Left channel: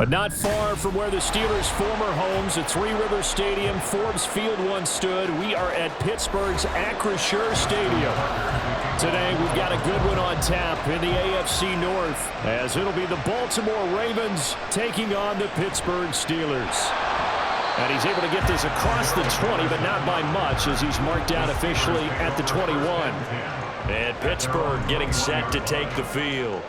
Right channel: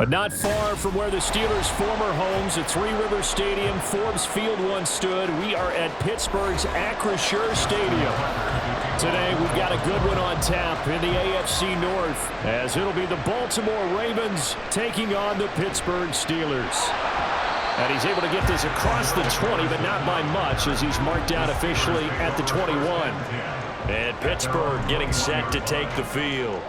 But not far from where the Steelers' former homes at Three Rivers Stadium, Forbes Field once stood, we are at Pittsburgh's Acrisure Stadium. Today, we've got a good one on tap in the AFC North, as it'll be the Baltimore Ravens taking on the Pittsburgh Steelers. And he's able to get this across the 20, but not by much, as he's marked down officially at the 21. And Pittsburgh getting set to take the field.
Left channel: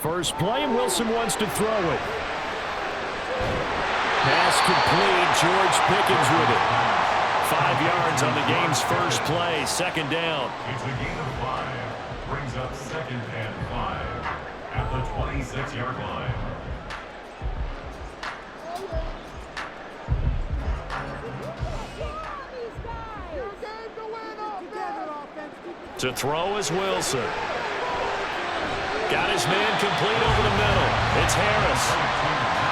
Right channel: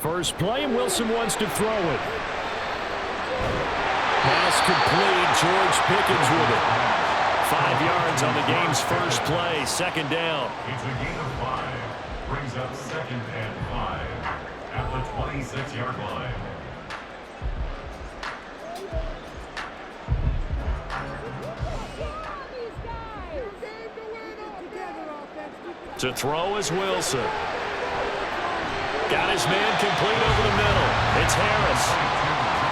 First play, Wilson wants to throw it. Pass complete, George Pickens with it. 5 yards on the game's first play, second down. It's a gain of 5. Brings up 2nd and 5 at the 26-yard line. To throw is Wilson. Got his man complete over the middle. It's Harris.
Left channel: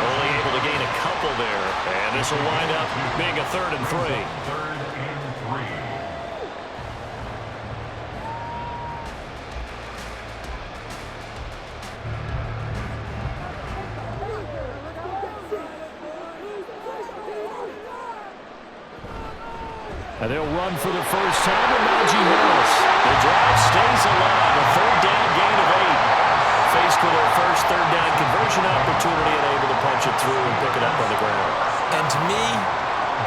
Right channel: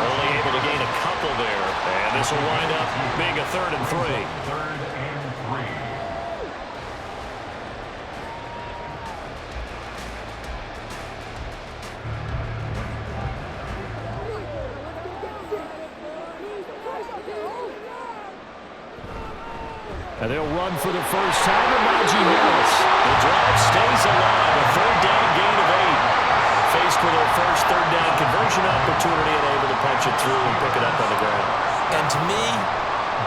Only able to gain a couple there. And this will wind up being a 3rd and 3. 3rd and 3. And they'll run for the first time with Najee Harris. The drive stays alive. A 3rd down gain of 8. Faced with their first 3rd down conversion opportunity and able to punch it through and pick it up on the ground. And to me,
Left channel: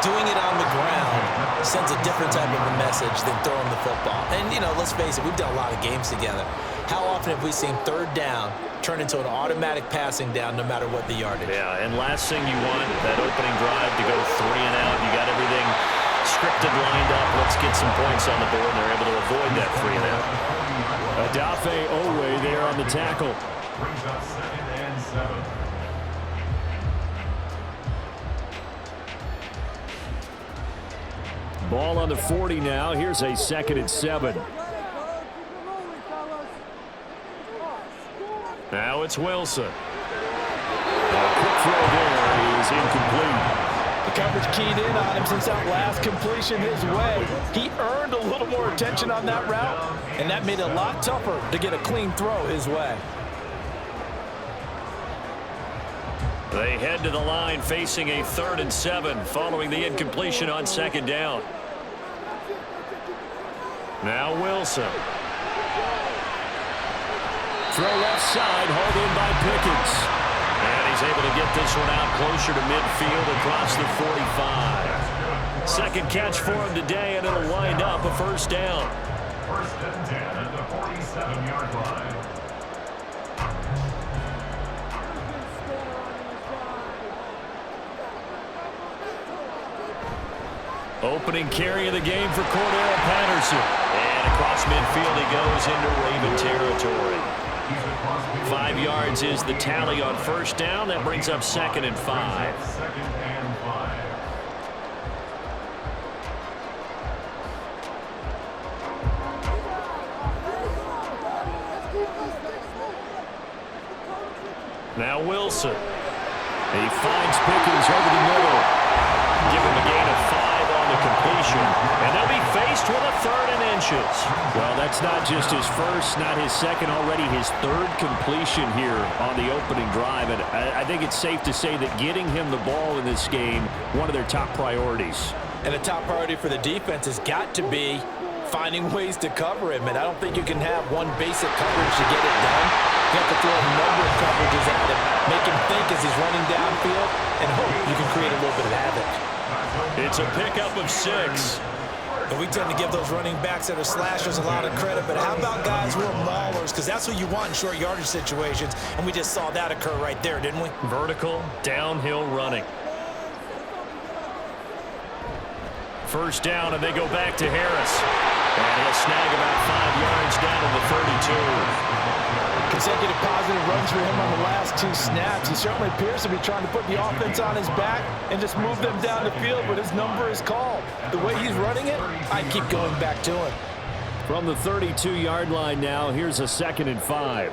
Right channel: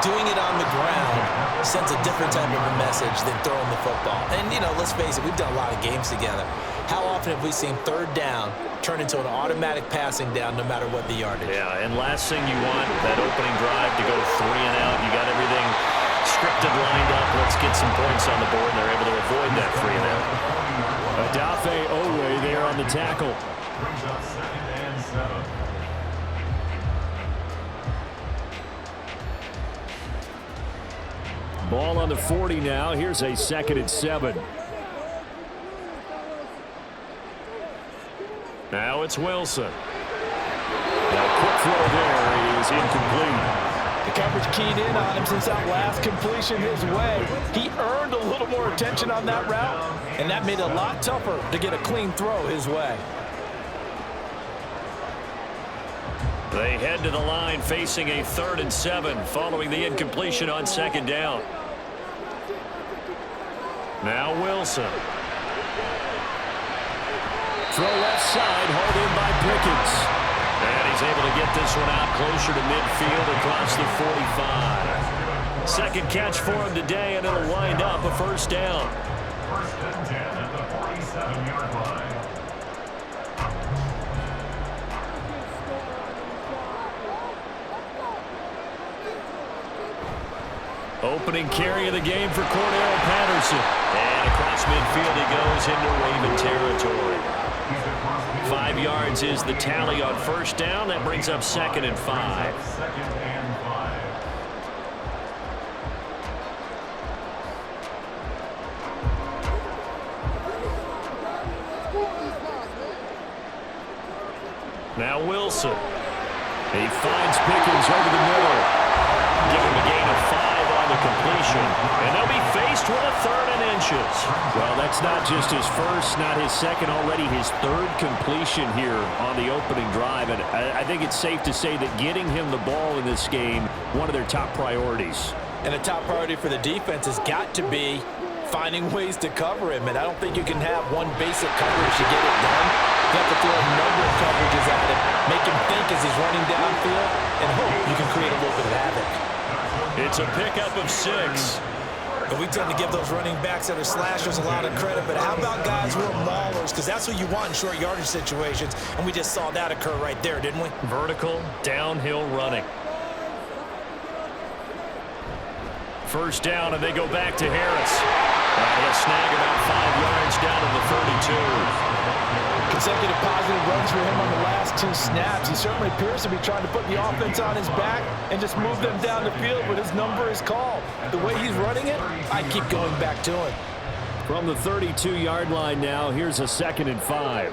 doing it on the ground sends a different type of a message than throwing the football. And, you know, let's face it, we've done a lot of games together. How often have we seen 3rd down turn into an automatic passing down no matter what the yardage? Yeah, and last thing you want, that opening drive to go 3 and out. You got everything scripted, lined up. Let's get some points on the board, and they're able to avoid that 3 and out. Adafe Owe there on the tackle. Brings up 2nd and 7. Ball on the 40 now. Here's a 2nd and 7. Now it's Wilson. A quick throw there is incomplete. The coverage keyed in on him since that last completion his way. He earned a little more attention on that route, and that made it a lot tougher to get a clean throw his way. They head to the line facing a 3rd and 7 following the incompletion on 2nd down. Now Wilson. Throw left side, hauled in by Pickens. And he's able to get this one out closer to midfield across the 45. 2nd catch for him today, and it'll wind up a 1st down. 1st and 10 at the 47-yard line. Opening carry of the game for Cordero Patterson. And across midfield he goes into Raven territory. 5 yards is the tally on 1st down. That brings up 2nd and 5. 2nd and 5. Now Wilson. He finds Pickens over the middle. Give him a gain of 5 on the completion. And they'll be faced with a 3rd and inches. Well, that's not just his first, not his second, already his 3rd completion here on the opening drive. And I think it's safe to say that getting him the ball in this game, one of their top priorities. And the top priority for the defense has got to be finding ways to cover him. And I don't think you can have one basic coverage to get it done. You have to throw a number of coverages at him, make him think as he's running downfield, and hope you can create a little bit of havoc. It's a pickup of 6. And we tend to give those running backs that are slashers a lot of credit, but how about guys who are maulers? Because that's what you want in short yardage situations, and we just saw that occur right there, didn't we? Vertical, downhill running. 1st down, and they go back to Harris. And he'll snag about 5 yards down to the 32. Consecutive positive runs for him on the last 2 snaps. He certainly appears to be trying to put the offense on his back and just move them down the field, but his number is called. The way he's running it, I keep going back to him. From the 32-yard line now, here's a 2nd and 5.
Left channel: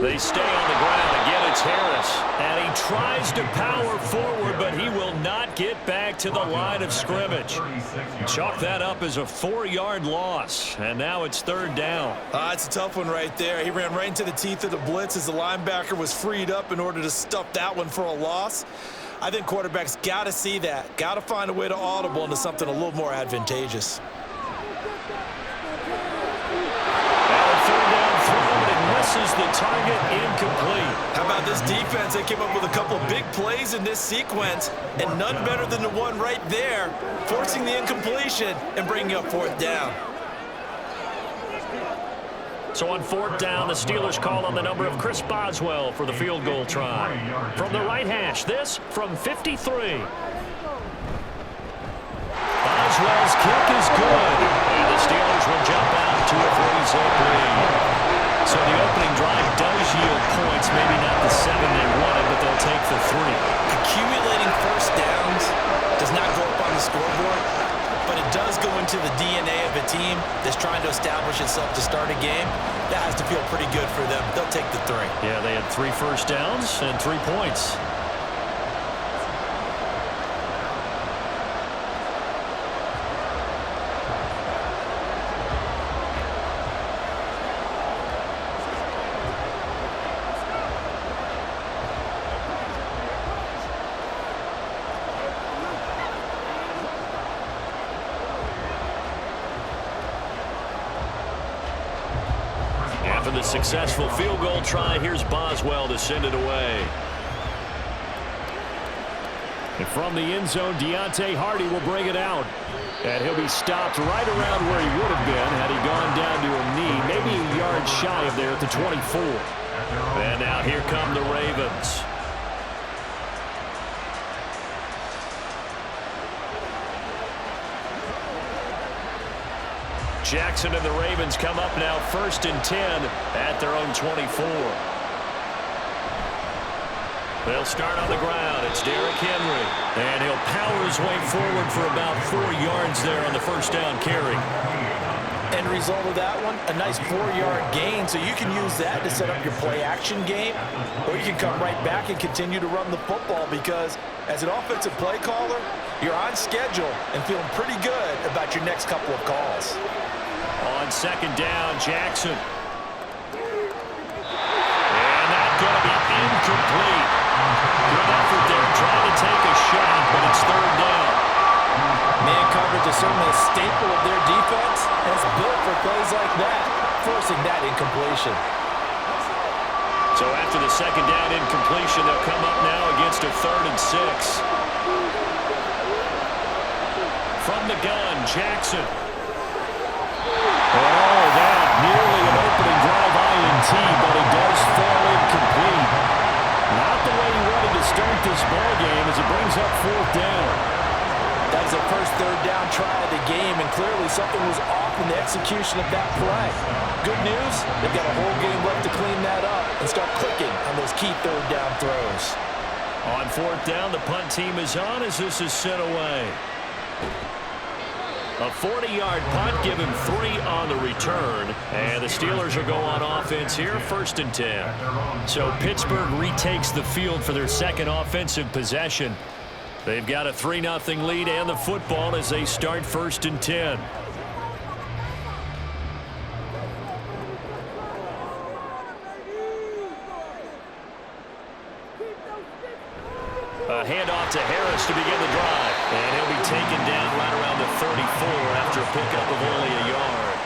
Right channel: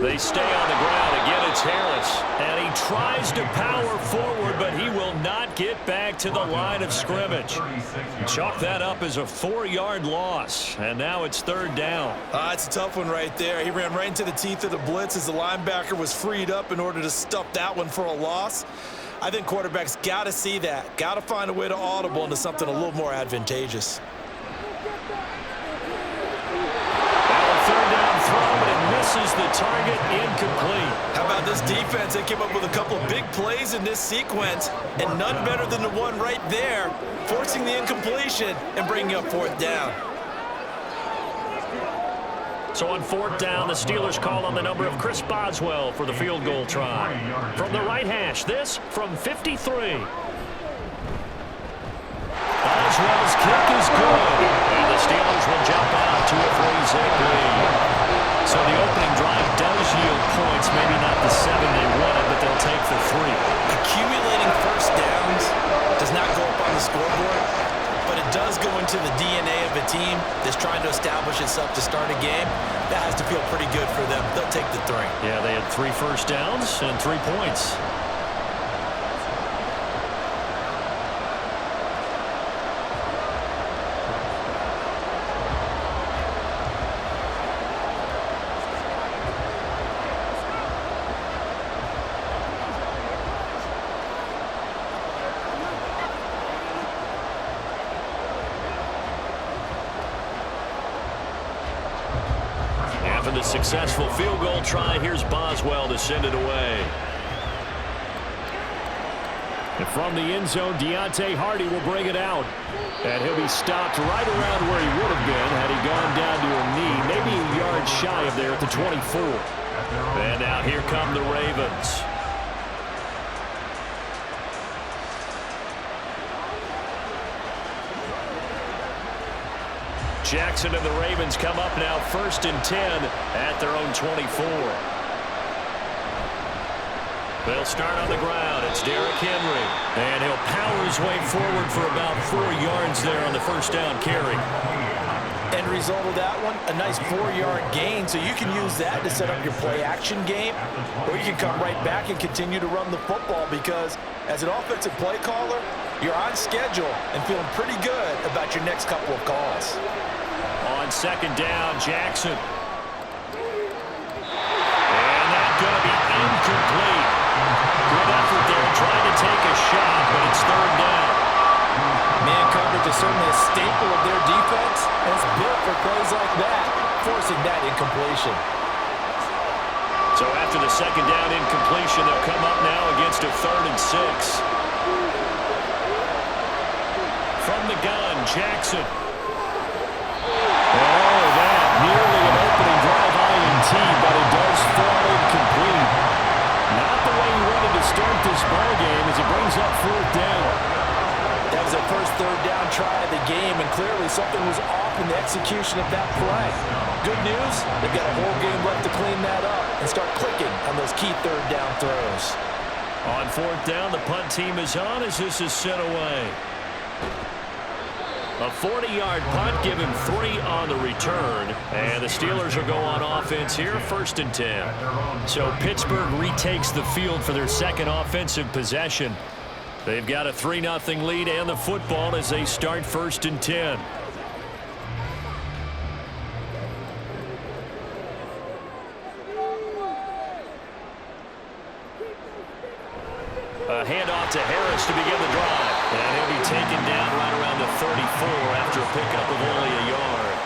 They stay on the ground. Again, it's Harris. And he tries to power forward, but he will not get back to the line of scrimmage. Chalk that up as a 4-yard loss. And now it's third down. It's a tough one right there. He ran right into the teeth of the blitz as the linebacker was freed up in order to stuff that one for a loss. I think quarterbacks got to see that. Got to find a way to audible into something a little more advantageous. Third down throw, but it misses the target, incomplete. How about this defense? They came up with a couple of big plays in this sequence, and none better than the one right there, forcing the incompletion and bringing up fourth down. So on fourth down, the Steelers call on the number of Chris Boswell for the field goal try. From the right hash, this from 53. Boswell's kick is good, and the Steelers will jump out to a 3-zip lead. So the opening drive does yield points, maybe not the 7 they wanted, but they'll take the 3. Accumulating first downs does not go up on the scoreboard, but it does go into the DNA of a team that's trying to establish itself to start a game. That has to feel pretty good for them. They'll take the 3. Yeah, they had 3 first downs and 3 points. After the successful field goal try, here's Boswell to send it away. And from the end zone, Deontay Hardy will bring it out. And he'll be stopped right around where he would have been had he gone down to a knee, maybe a yard shy of there at the 24. And now here come the Ravens. Jackson and the Ravens come up now 1st and 10 at their own 24. They'll start on the ground. It's Derrick Henry. And he'll power his way forward for about 4 yards there on the first down carry. End result of that one, a nice 4-yard gain, so you can use that to set up your play-action game, or you can come right back and continue to run the football because as an offensive play caller, you're on schedule and feeling pretty good about your next couple of calls. On second down, Jackson. And that's going to be incomplete. Good effort there, trying to take a shot, but it's third down. Man coverage is certainly a staple of their defense, and it's built for plays like that, forcing that incompletion. So after the second down incompletion, they'll come up now against a 3rd and 6. From the gun, Jackson. And oh, that nearly an opening drive INT, but it does fall incomplete. Not the way he wanted to start this ball game as it brings up 4th down. That was their first 3rd down try of the game, and clearly something was off in the execution of that play. Good news, they've got a whole game left to clean that up and start clicking on those key 3rd down throws. On 4th down, the punt team is on as this is sent away. A 40-yard punt, give him 3 on the return. And the Steelers will go on offense here, 1st and 10. So Pittsburgh retakes the field for their second offensive possession. They've got a 3-0 lead and the football as they start 1st and 10. A handoff to Harris to begin the drive. And he'll be taken down right around the 34 after a pickup of only a yard.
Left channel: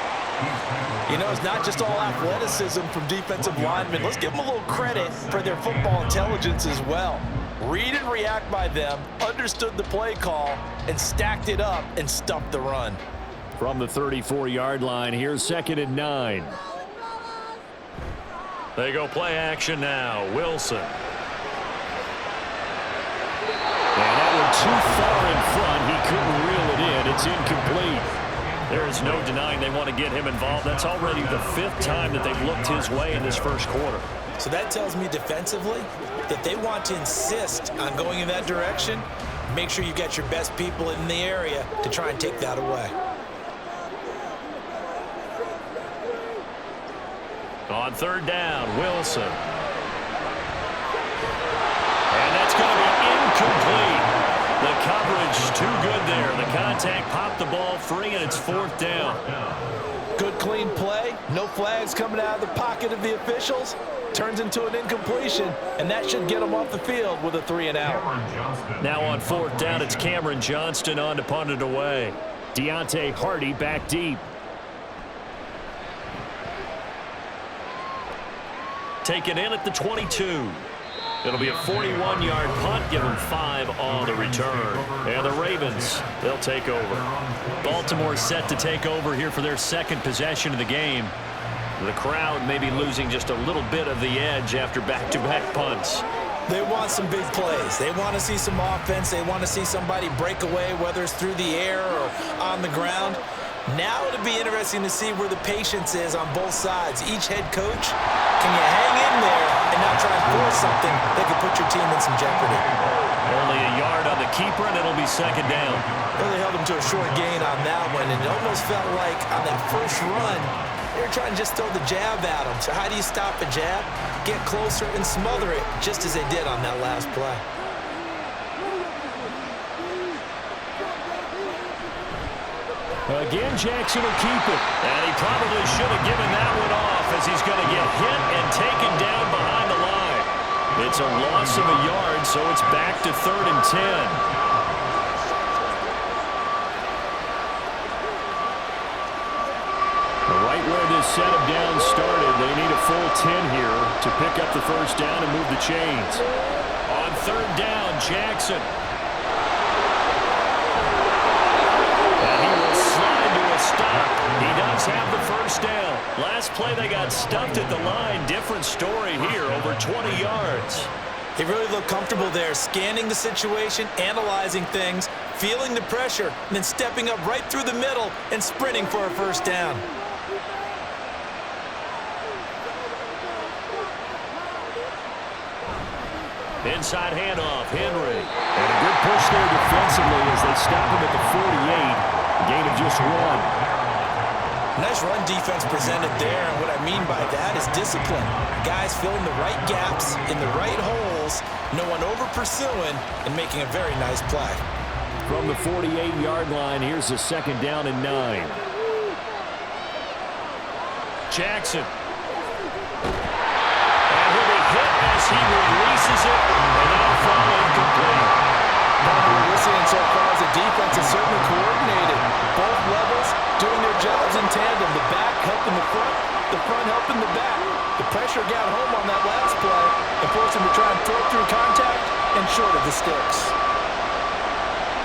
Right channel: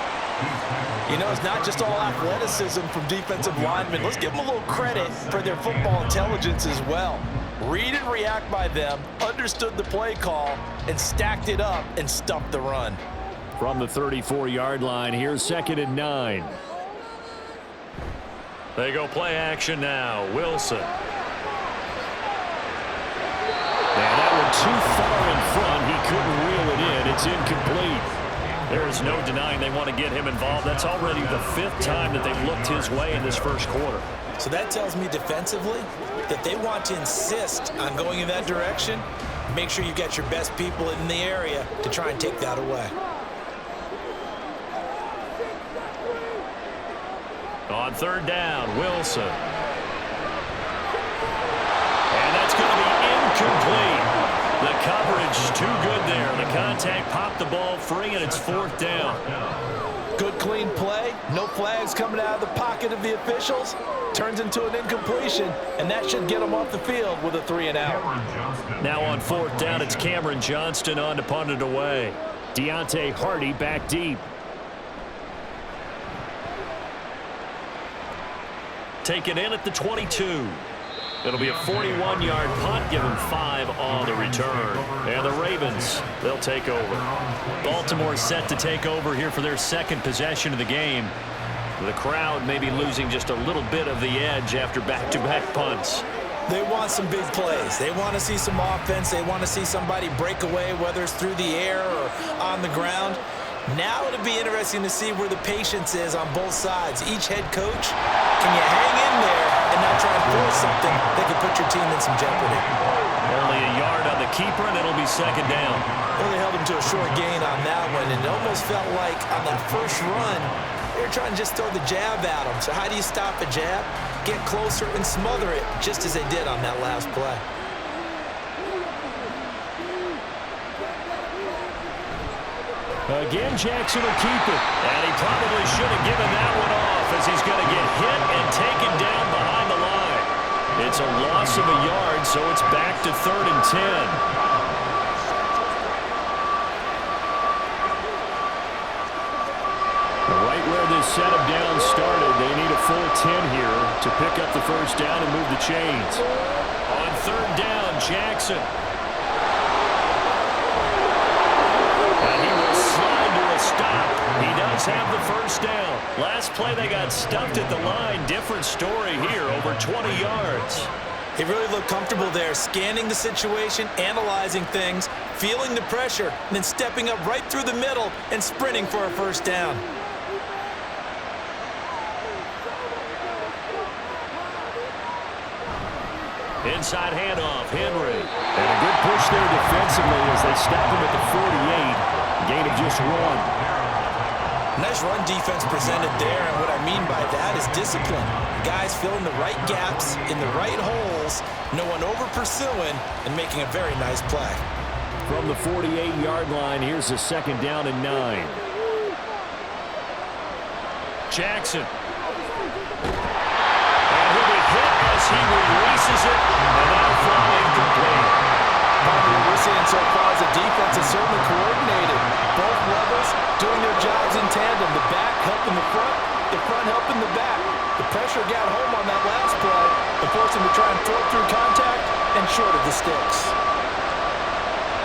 You know, it's not just all athleticism from defensive linemen. Let's give them a little credit for their football intelligence as well. Read and react by them, understood the play call, and stacked it up and stuffed the run. From the 34-yard line, here's 2nd and 9. They go play action now. Wilson. And that one too far in front. He couldn't reel it in. It's incomplete. There is no denying they want to get him involved. That's already the 5th time that they've looked his way in this first quarter. So that tells me defensively that they want to insist on going in that direction. Make sure you get your best people in the area to try and take that away. On On third down, Wilson. And that's going to be incomplete. The coverage too good there. The contact popped the ball free, and it's fourth down. Good, clean play. No flags coming out of the pocket of the officials. Turns into an incompletion, and that should get them off the field with a 3-and-out. Now on fourth down, it's Cameron Johnston on to punt it away. Deontay Hardy back deep. Taken in at the 22. It'll be a 41-yard punt. Give them 5 on the return. And the Ravens, they'll take over. Baltimore set to take over here for their second possession of the game. The crowd may be losing just a little bit of the edge after back-to-back punts. They want some big plays. They want to see some offense. They want to see somebody break away, whether it's through the air or on the ground. Now it'll be interesting to see where the patience is on both sides. Each head coach, can you hang in there and not try and force something that could put your team in some jeopardy? Only a yard on the keeper, and it'll be second down. Well, they held him to a short gain on that one, and it almost felt like on that first run, they were trying to just throw the jab at him. So how do you stop a jab? Get closer and smother it, just as they did on that last play. Again, Jackson will keep it. And he probably should have given that one off as he's going to get hit and taken down behind the line. It's a loss of a yard, so it's back to 3rd and 10. Right where this set of downs started, they need a full 10 here to pick up the first down and move the chains. On third down, Jackson. And he will slide to a stop. He does have the first down. Last play they got stuffed at the line. Different story here, over 20 yards. He really looked comfortable there, scanning the situation, analyzing things, feeling the pressure, and then stepping up right through the middle and sprinting for a first down. Inside handoff, Henry. And a good push there defensively as they stop him at the 48. Gain of just 1. Nice run defense presented there, and what I mean by that is discipline. Guys filling the right gaps in the right holes, no one over-pursuing, and making a very nice play. From the 48-yard line, here's a second down and 9. Jackson. And he'll be hit as he releases it, and that'll fall incomplete. What we're seeing so far is the defense is certainly coordinated. Both levels doing their jobs in tandem. The back helping the front helping the back. The pressure got home on that last play and forced him to try and throw through contact and short of the sticks.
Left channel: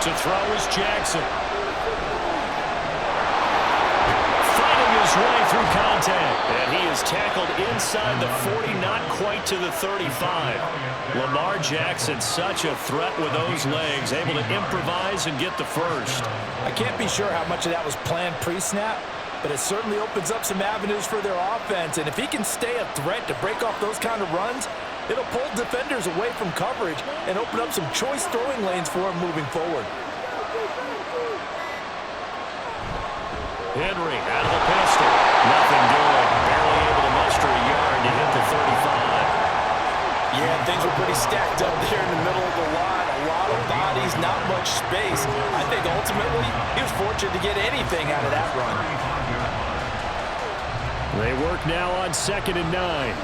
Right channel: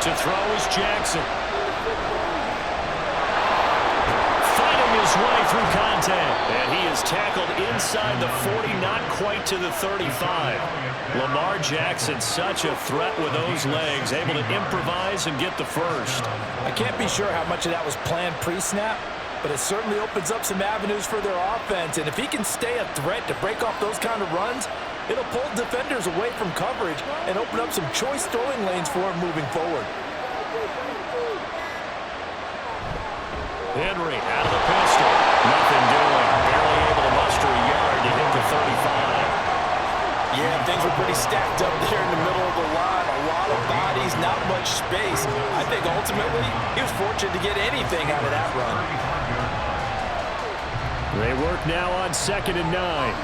To throw is Jackson. Fighting his way through contact. And he is tackled inside the 40, not quite to the 35. Lamar Jackson, such a threat with those legs, able to improvise and get the first. I can't be sure how much of that was planned pre-snap, but it certainly opens up some avenues for their offense. And if he can stay a threat to break off those kind of runs, it'll pull defenders away from coverage and open up some choice throwing lanes for him moving forward. Henry out of the pistol. Nothing doing. Barely able to muster a yard to hit the 35. Yeah, things were pretty stacked up there in the middle of the line. A lot of bodies, not much space. I think ultimately he was fortunate to get anything out of that run. They work now on 2nd and 9.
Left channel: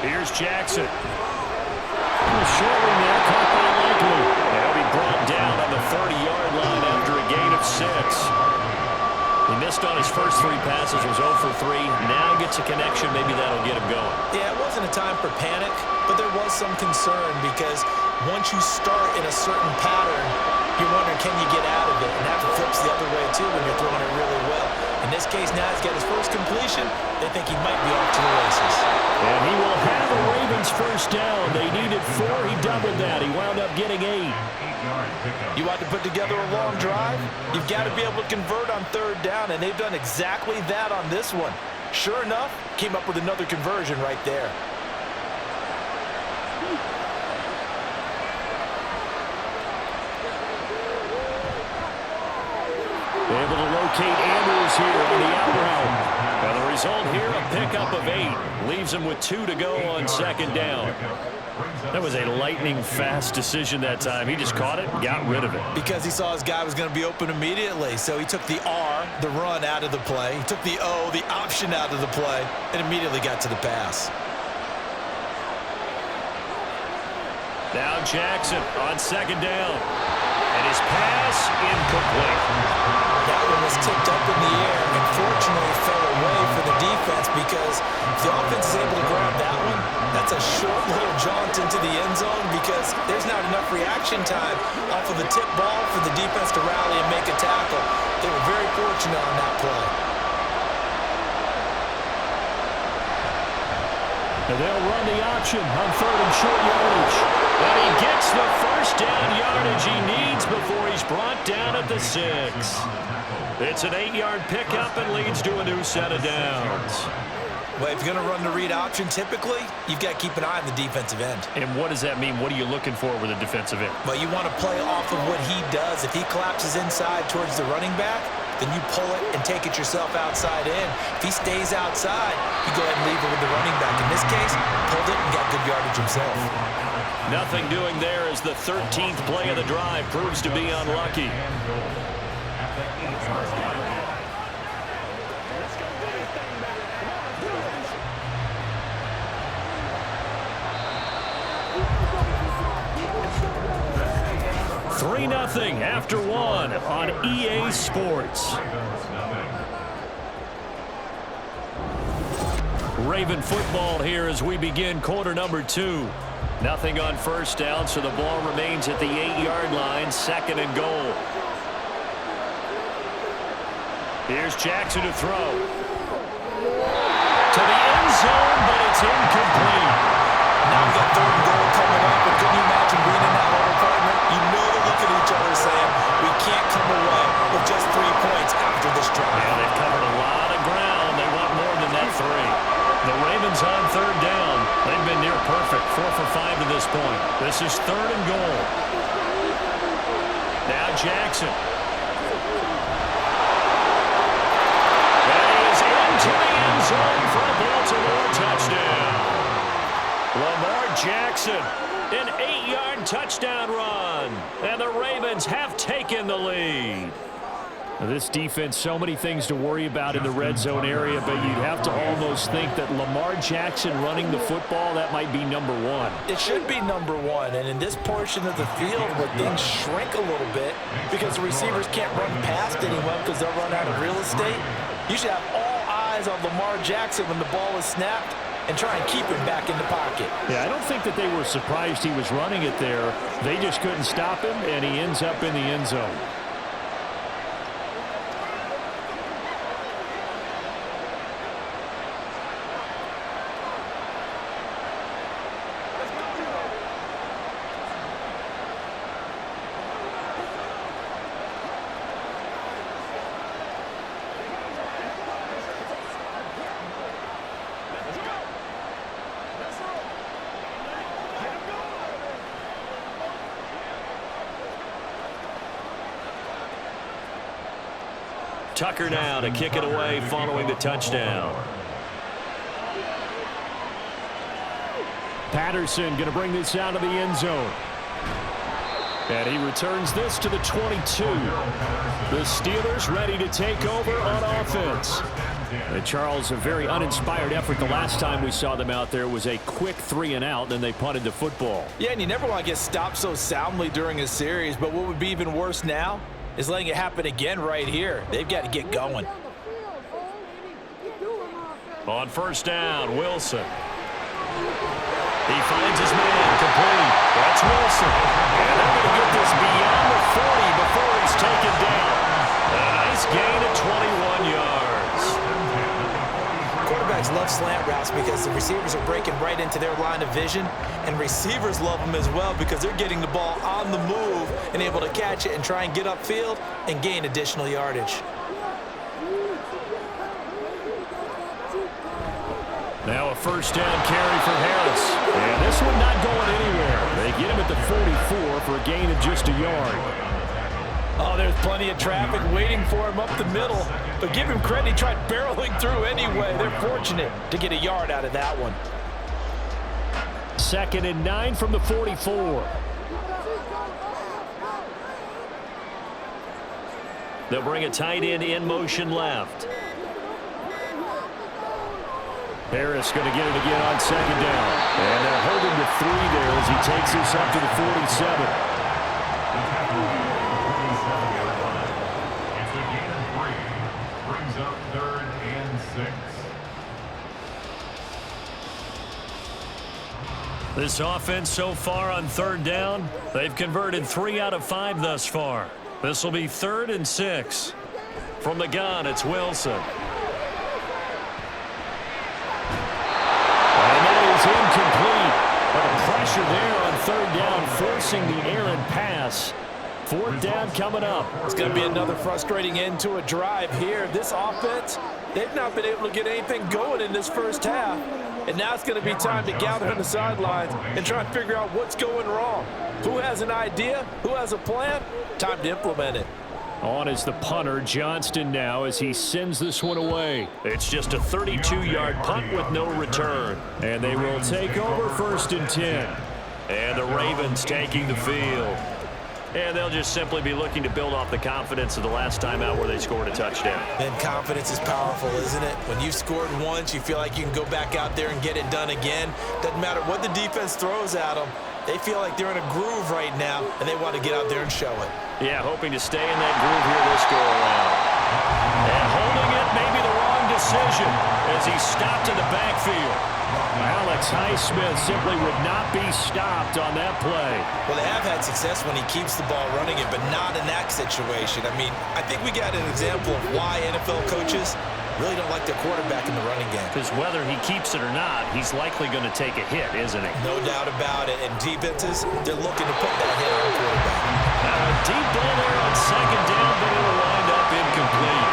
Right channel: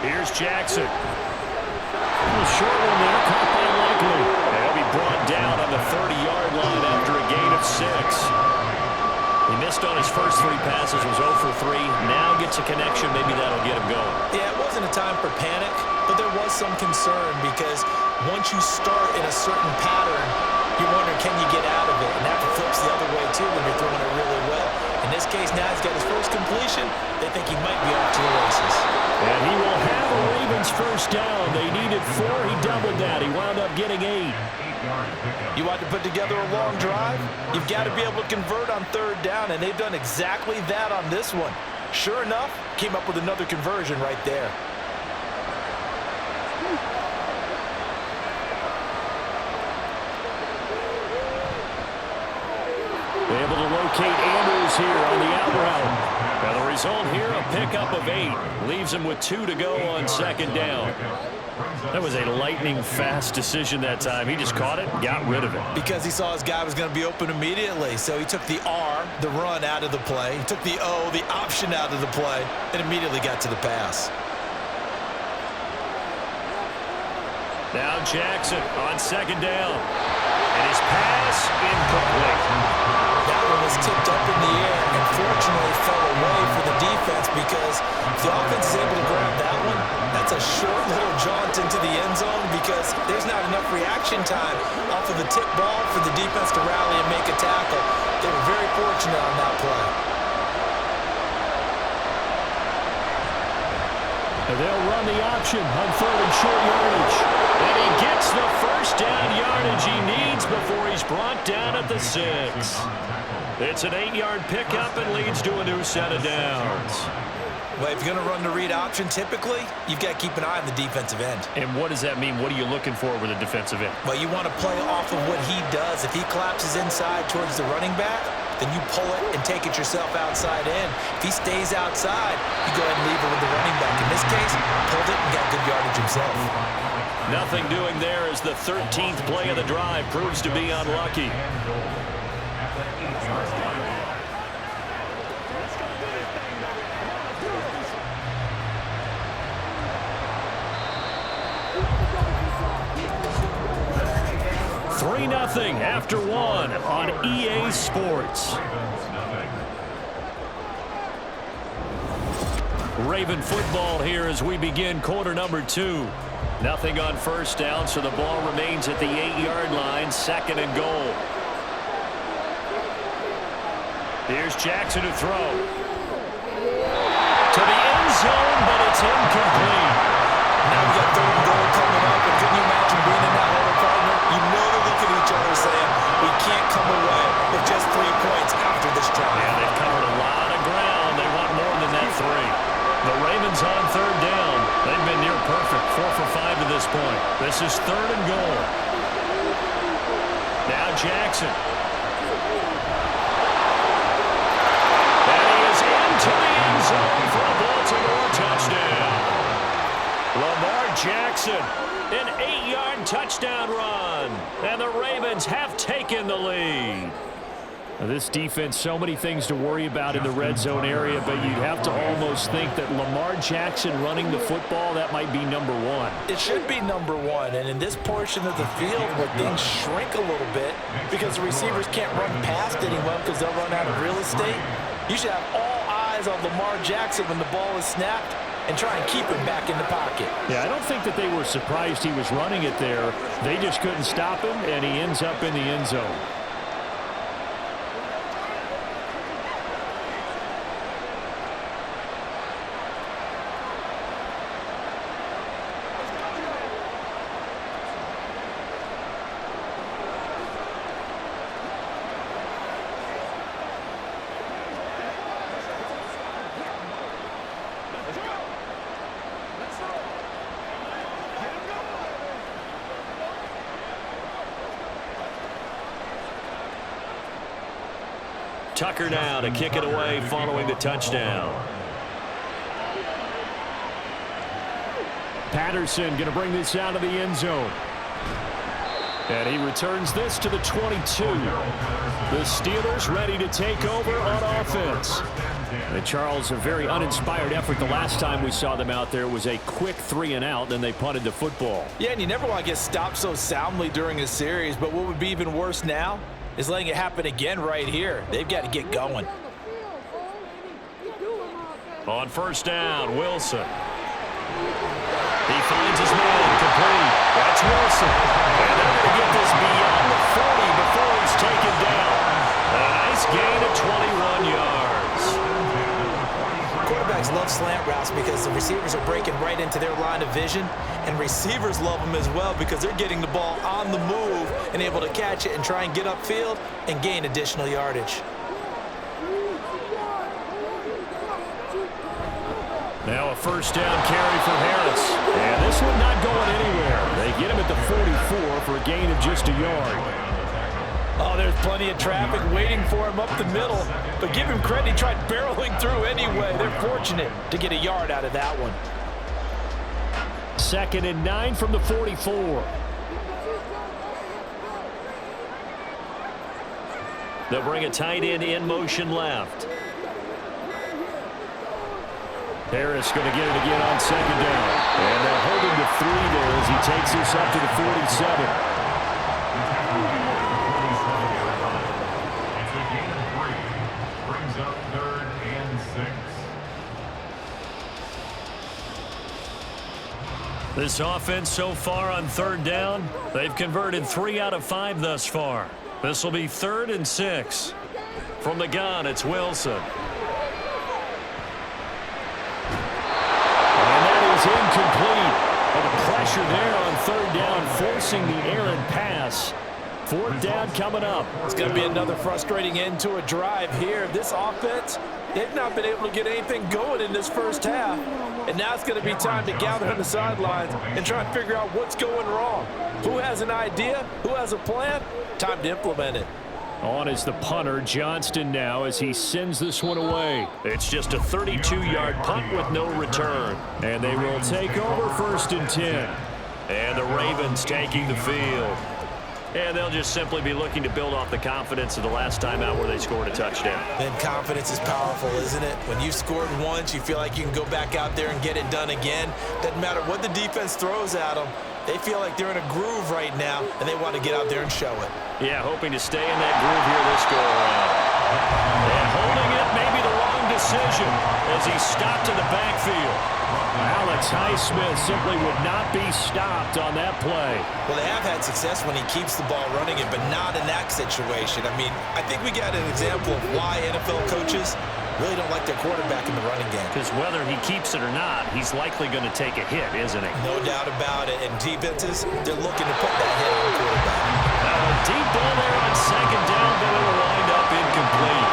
Here's Jackson. A short one there, caught by Likely. They'll be brought down on the 30-yard line after a gain of 6. He missed on his first 3 passes, was 0 for 3. Now gets a connection. Maybe that'll get him going. Yeah, it wasn't a time for panic, but there was some concern because once you start in a certain pattern, you're wondering, can you get out of it? And that flips the other way, too, when you're throwing it really well. In this case, now he's got his first completion. They think he might be off to the races. And he will have a Ravens first down. They needed 4. He doubled that. He wound up getting 8. You want to put together a long drive? You've got to be able to convert on third down, and they've done exactly that on this one. Sure enough, came up with another conversion right there. Able to locate Andrews here on the out route. And the result here, a pickup of 8. Leaves him with 2 to go on second down. That was a lightning-fast decision that time. He just caught it and got rid of it. Because he saw his guy was going to be open immediately. So he took the R, the run, out of the play. He took the O, the option, out of the play, and immediately got to the pass. Now Jackson on second down. And his pass incomplete. That one was tipped up in the air and fortunately fell away for the defense, because if the offense is able to grab that one, that's a short little jaunt into the end zone, because there's not enough reaction time off of the tip ball for the defense to rally and make a tackle. They were very fortunate on that play. And they'll run the option on 3rd and short yardage. And he gets the first down yardage he needs before he's brought down at the 6. It's an 8-yard pickup and leads to a new set of downs. Well, if you're going to run the read option, typically, you've got to keep an eye on the defensive end. And what does that mean? What are you looking for with a defensive end? Well, you want to play off of what he does. If he collapses inside towards the running back, then you pull it and take it yourself outside in. If he stays outside, you go ahead and leave it with the running back. In this case, pulled it and got good yardage himself. Nothing doing there as the 13th play of the drive proves to be unlucky. 3-0 after 1 on EA Sports. Raven football here as we begin quarter number 2. Nothing on first down, so the ball remains at the 8-yard line, 2nd and goal. Here's Jackson to throw. To the end zone, but it's incomplete. Now we got 3rd and goal coming up, and couldn't you imagine being in that huddle, partner? You know they're looking at each other saying, we can't come away with just 3 points after this drive. Yeah, they've covered a lot of ground. They want more than that 3. The Ravens on 3rd down. They've been near perfect, 4 for 5 to this point. This is 3rd and goal. Now Jackson. And he is into the end zone for a Baltimore touchdown. Lamar Jackson, an 8-yard touchdown run. And the Ravens have taken the lead. Now this defense, so many things to worry about in the red zone area, but you'd have to almost think that Lamar Jackson running the football, that might be number 1. It should be number 1, and in this portion of the field where things shrink a little bit because the receivers can't run past anyone because they'll run out of real estate, you should have all eyes on Lamar Jackson when the ball is snapped and try and keep him back in the pocket. Yeah, I don't think that they were surprised he was running it there. They just couldn't stop him, and he ends up in the end zone. Tucker now to kick it away following the touchdown. Patterson going to bring this out of the end zone. And he returns this to the 22. The Steelers ready to take over on offense. And Charles, a very uninspired effort. The last time we saw them out there was a quick 3-and-out, then they punted the football. Yeah, and you never want to get stopped so soundly during a series, but what would be even worse now is letting it happen again right here. They've got to get going. On first down, Wilson. He finds his man, complete. That's Wilson. And they're going to get this beyond the 40 before he's taken down. A nice gain of 21 yards. Quarterbacks love slant routes because the receivers are breaking right into their line of vision, and receivers love them as well because they're getting the ball on the move and able to catch it and try and get upfield and gain additional yardage. Now a first down carry for Harris. And this one not going anywhere. They get him at the 44 for a gain of just a yard. Oh, there's plenty of traffic waiting for him up the middle. But give him credit, he tried barreling through anyway. They're fortunate to get a yard out of that one. 2nd and 9 from the 44. They'll bring a tight end in motion left. Harris going to get it again on 2nd down. And they'll hold him to 3 there as he takes this up to the 47. It's a gain of 3. Brings up 3rd and 6. This offense so far on 3rd down, they've converted 3 out of 5 thus far. This will be 3rd and 6. From the gun, it's Wilson. And that is incomplete. But the pressure there on 3rd down, forcing the errant pass. 4th down coming up. It's going to be another frustrating end to a drive here. This offense, they've not been able to get anything going in this first half. And now it's going to be time to gather on the sidelines and try and figure out what's going wrong. Who has an idea? Who has a plan? Time to implement it. On is the punter, Johnston, now as he sends this one away. It's just a 32-yard punt with no return. And they will take over 1st and 10. And the Ravens taking the field. And they'll just simply be looking to build off the confidence of the last time out where they scored a touchdown. Then confidence is powerful, isn't it? When you've scored once, you feel like you can go back out there and get it done again. Doesn't matter what the defense throws at them. They feel like they're in a groove right now, and they want to get out there and show it. Yeah, hoping to stay in that groove here this go-around. And holding it, maybe the wrong decision as he stopped in the backfield. Alex Highsmith simply would not be stopped on that play. Well, they have had success when he keeps the ball running it, but not in that situation. I mean, I think we got an example of why NFL coaches really don't like their quarterback in the running game. Because whether he keeps it or not, he's likely going to take a hit, isn't he? No doubt about it. And defenses, they're looking to put that hit on the quarterback. A deep ball there on 2nd down, but it'll wind up incomplete.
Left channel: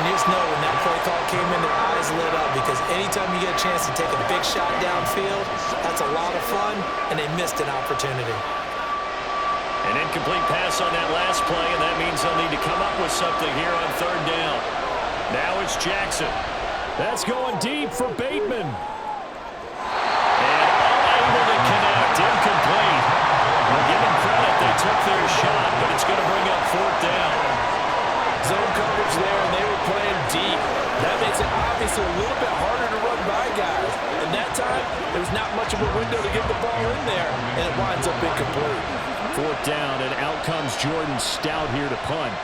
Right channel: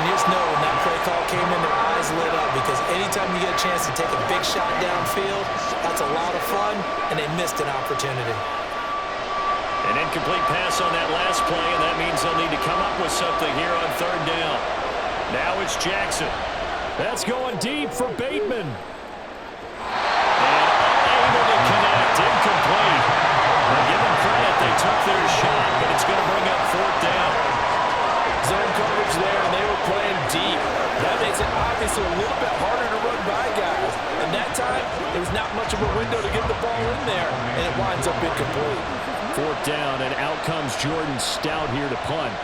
And just know when that play call came in, their eyes lit up because anytime you get a chance to take a big shot downfield, that's a lot of fun, and they missed an opportunity. An incomplete pass on that last play, and that means they'll need to come up with something here on 3rd down. Now it's Jackson. That's going deep for Bateman. And unable to connect. Incomplete. Well, give them credit. They took their shot, but it's going to bring up 4th down. Zone coverage there, and they were playing deep. That makes it obviously a little bit harder to run by guys. And that time, there was not much of a window to get the ball in there, and it winds up incomplete. 4th down, and out comes Jordan Stout here to punt.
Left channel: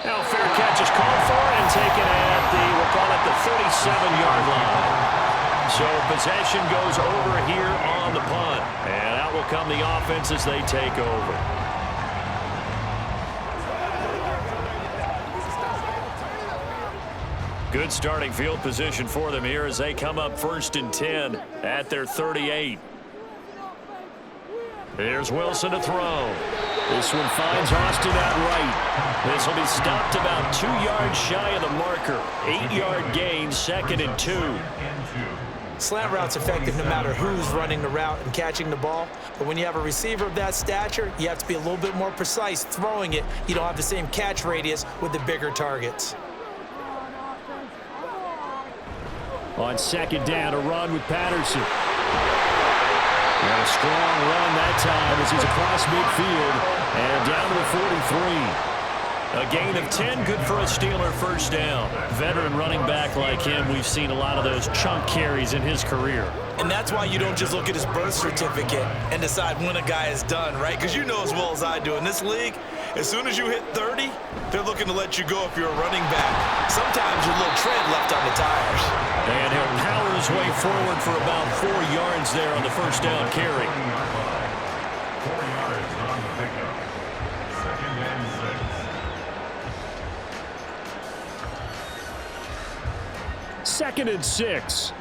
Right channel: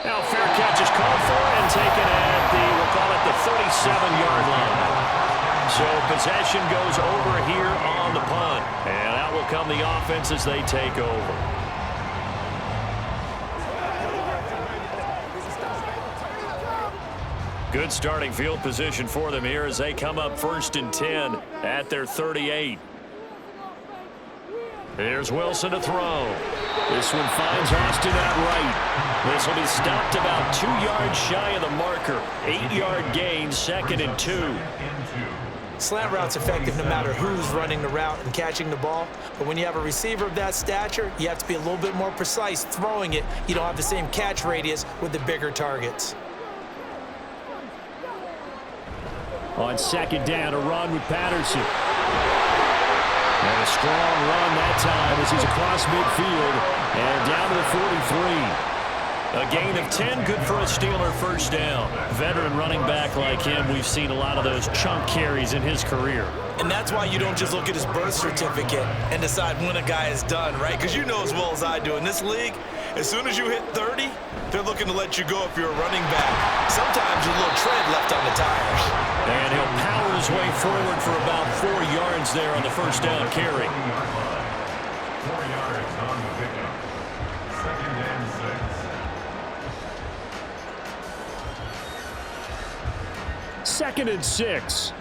Now fair catch is called for and taken at the, we'll call it the 37-yard line. So possession goes over here on the punt. And out will come the offense as they take over. Good starting field position for them here as they come up 1st and 10 at their 38. Here's Wilson to throw. This one finds Austin out right. This will be stopped about 2 yards shy of the marker. 8-yard gain, 2nd and 2. Slant route's effective no matter who's running the route and catching the ball. But when you have a receiver of that stature, you have to be a little bit more precise throwing it. You don't have the same catch radius with the bigger targets. On 2nd down, a run with Patterson. And a strong run that time as he's across midfield and down to the 43. A gain of 10, good for a Steeler 1st down. Veteran running back like him, we've seen a lot of those chunk carries in his career. And that's why you don't just look at his birth certificate and decide when a guy is done, right? Because you know as well as I do, in this league, as soon as you hit 30, they're looking to let you go if you're a running back. Sometimes there's a little tread left on the tires. And he'll power his way forward for about 4 yards there on the 1st down carry. 4 yards on the pickup. 2nd and 6. Second and 6.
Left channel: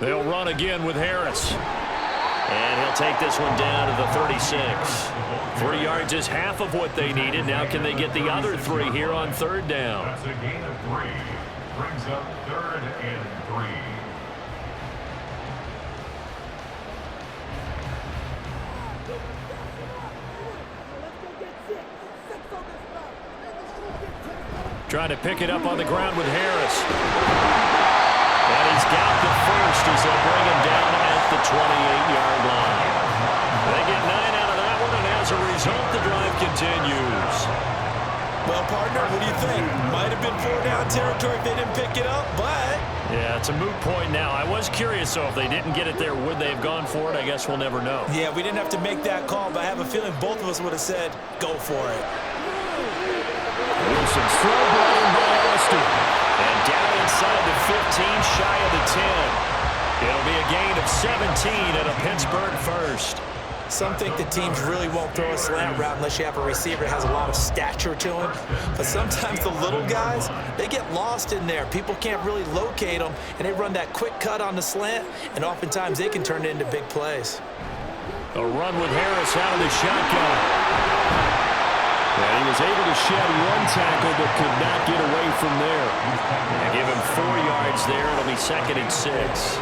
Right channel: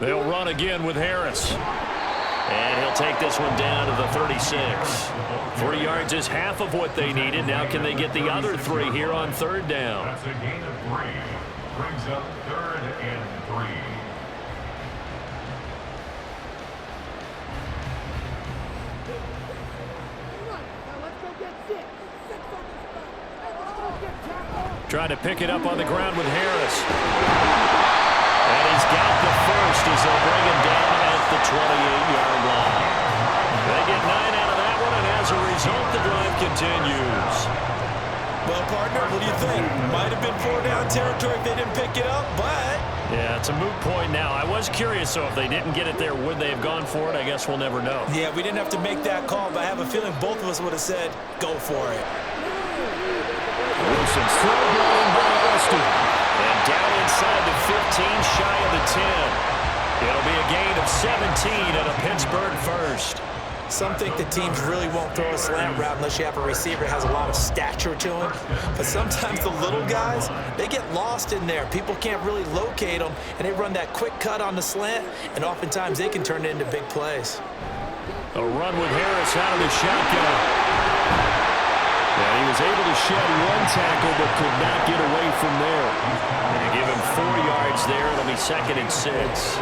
They'll run again with Harris. And he'll take this one down to the 36. 3 yards is half of what they needed. Now can they get the other 3 here on 3rd down? That's a gain of 3. Brings up 3rd and 3. Trying to pick it up on the ground with Harris. And he's got the first as they'll bring him down at the 28-yard line. They get 9 out of that one, and as a result, the drive continues. Well, partner, what do you think? Might have been 4-down territory if they didn't pick it up, but... Yeah, it's a moot point now. I was curious, so if they didn't get it there, would they have gone for it? I guess we'll never know. Yeah, we didn't have to make that call, but I have a feeling both of us would have said, go for it. Wilson's throw brought in by Austin. And down inside the 15, shy of the 10. It'll be a gain of 17 and a Pittsburgh first. Some think the teams really won't throw a slant route unless you have a receiver that has a lot of stature to him. But sometimes the little guys, they get lost in there. People can't really locate them, and they run that quick cut on the slant, and oftentimes they can turn it into big plays. A run with Harris out of the shotgun. And he was able to shed one tackle but could not get away from there. And give him 4 yards there. It'll be 2nd and 6. It's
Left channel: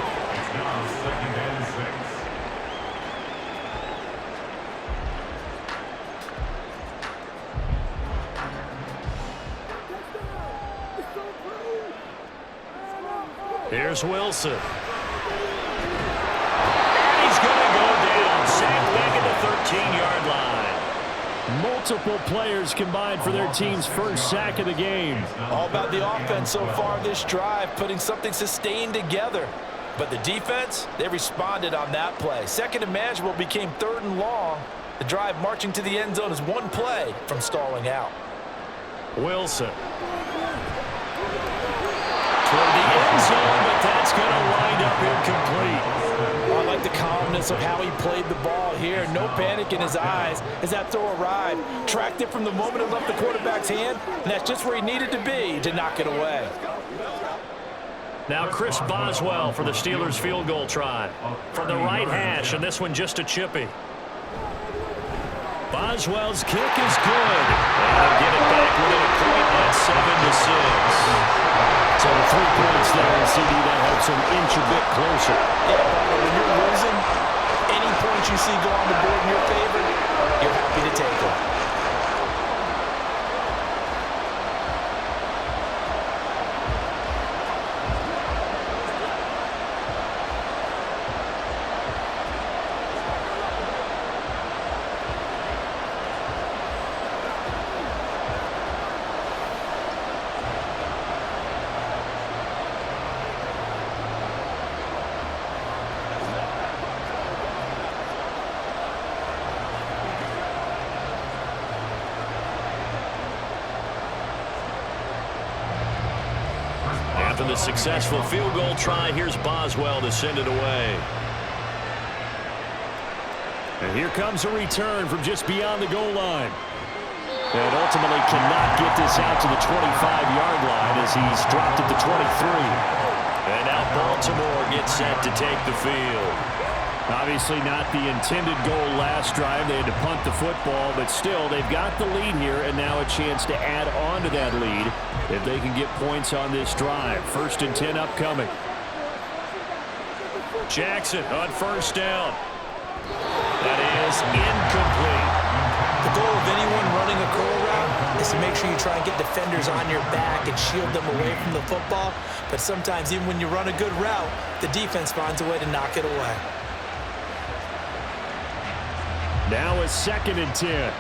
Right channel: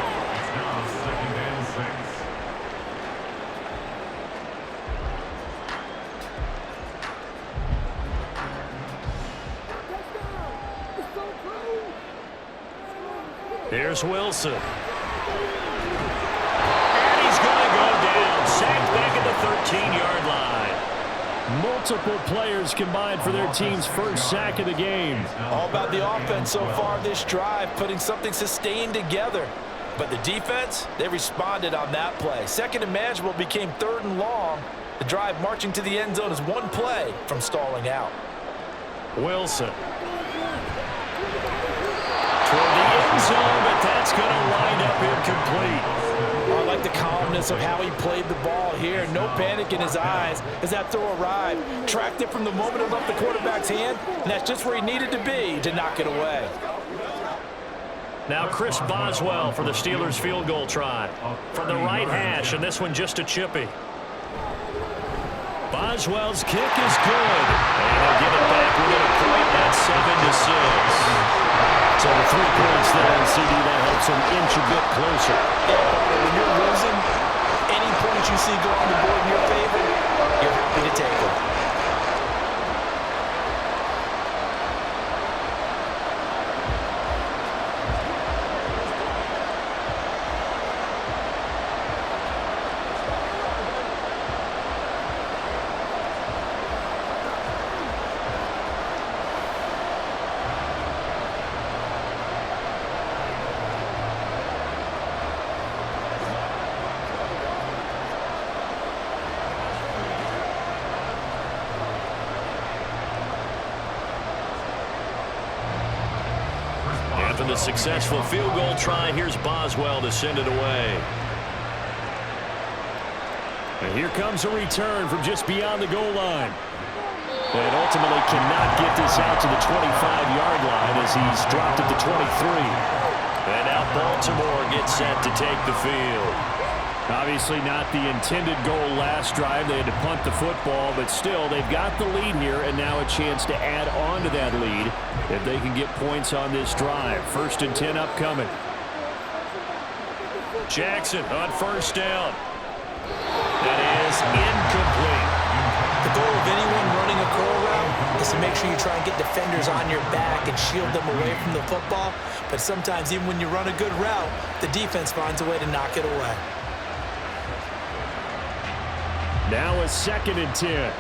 now 2nd and 6. Here's Wilson. And he's going to go down. Sacked back at the 13-yard line. Multiple players combined for their team's first sack of the game. All about the offense so far this drive, putting something sustained together. But the defense, they responded on that play. 2nd and manageable became 3rd and long. The drive marching to the end zone is one play from stalling out. Wilson. Toward the end zone, but that's going to wind up incomplete. Oh, I like the calmness of how he played the ball here. No panic in his eyes as that throw arrived. Tracked it from the moment it left the quarterback's hand, and that's just where he needed to be to knock it away. Now Chris Boswell for the Steelers field goal try. From the right hash, and this one just a chippy. Boswell's kick is good. And they'll get it back within a point at 7-6. So the 3 points there, and CD, that helps them inch a bit closer. Yeah, but when you're losing, any points you see go on the board in your favor, you're happy to take them. After the successful field goal try, here's Boswell to send it away. And here comes a return from just beyond the goal line. And ultimately cannot get this out to the 25-yard line as he's dropped at the 23. And now Baltimore gets set to take the field. Obviously not the intended goal last drive. They had to punt the football, but still they've got the lead here and now a chance to add on to that lead if they can get points on this drive. 1st and 10 upcoming. Jackson on 1st down. That is incomplete. The goal of anyone running a curl route is to make sure you try and get defenders on your back and shield them away from the football. But sometimes even when you run a good route, the defense finds a way to knock it away. Now a 2nd and 10.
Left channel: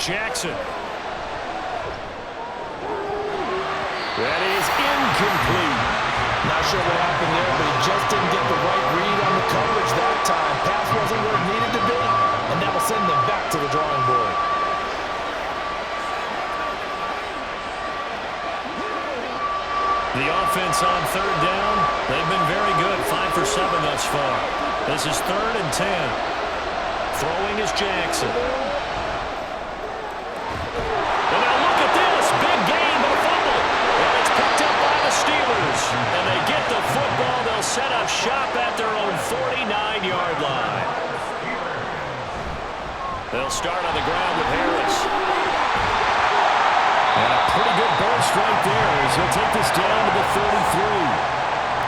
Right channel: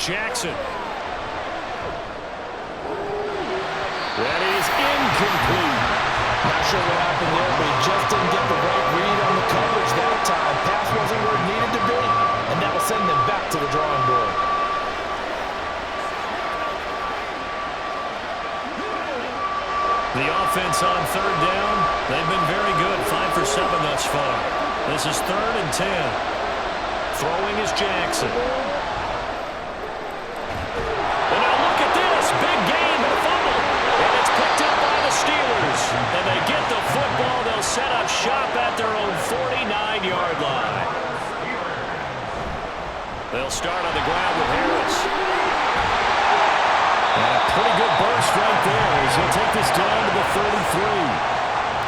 Jackson. That is incomplete. Not sure what happened there, but he just didn't get the right read on the coverage that time. Pass wasn't where it needed to be, and that will send them back to the drawing board. The offense on 3rd down, they've been very good. 5 for 7 thus far. This is 3rd and 10. Throwing is Jackson. And now look at this. Big gain, but a fumble. And it's picked up by the Steelers. And they get the football. They'll set up shop at their own 49-yard line. They'll start on the ground with Harris. And a pretty good burst right there as he'll take this down to the 33.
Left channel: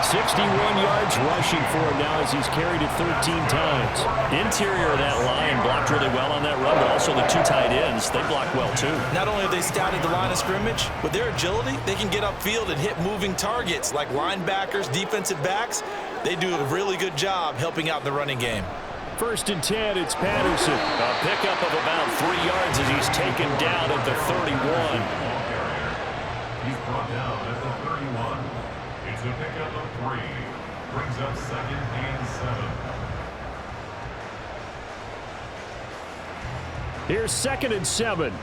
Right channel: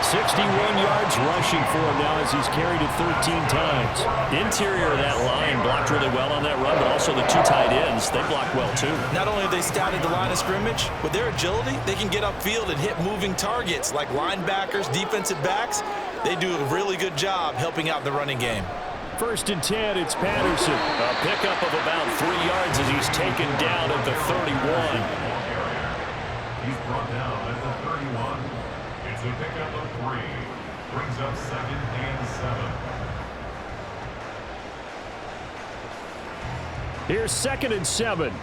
61 yards rushing for him now as he's carried it 13 times. Interior of that line blocked really well on that run, but also the two tight ends, they blocked well too. Not only have they scouted the line of scrimmage, with their agility, they can get upfield and hit moving targets like linebackers, defensive backs. They do a really good job helping out the running game. 1st and 10, it's Patterson. A pickup of about 3 yards as he's taken down at the 31. He's brought down at the 31. It's a pickup of 3. Brings up 2nd and 7. Here's 2nd and 7.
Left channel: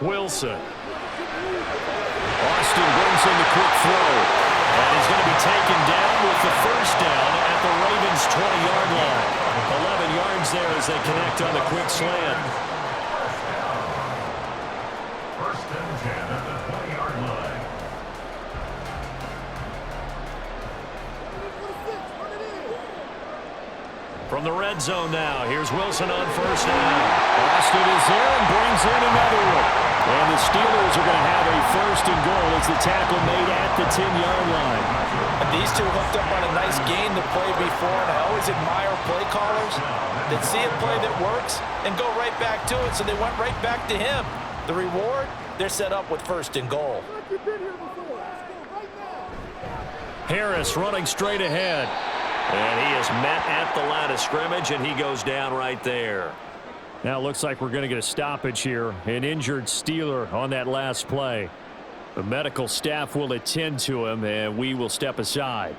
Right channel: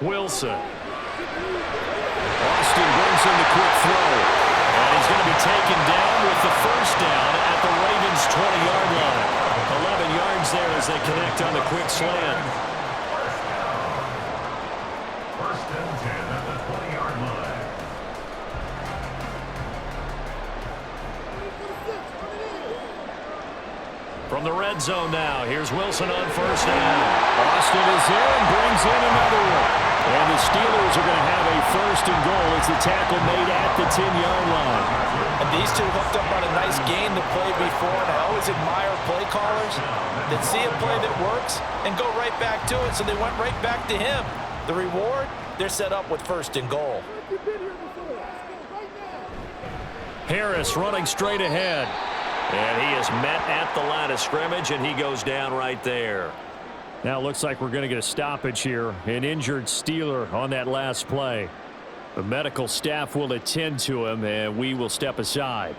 Wilson. Austin brings in the quick throw. And he's going to be taken down with the 1st down at the Ravens' 20-yard line. 11 yards there as they connect on the quick slant. 1st and 10 at the 20-yard line. From the red zone now, here's Wilson on 1st down. Austin is there and brings in another one. And the Steelers are going to have a 1st and goal. It's the tackle made at the 10-yard line. And these two hooked up on a nice gain to play before, and I always admire play callers that see a play that works and go right back to it, so they went right back to him. The reward, they're set up with 1st and goal. Harris running straight ahead. And he is met at the line of scrimmage, and he goes down right there. Now it looks like we're going to get a stoppage here. An injured Steeler on that last play. The medical staff will attend to him, and we will step aside.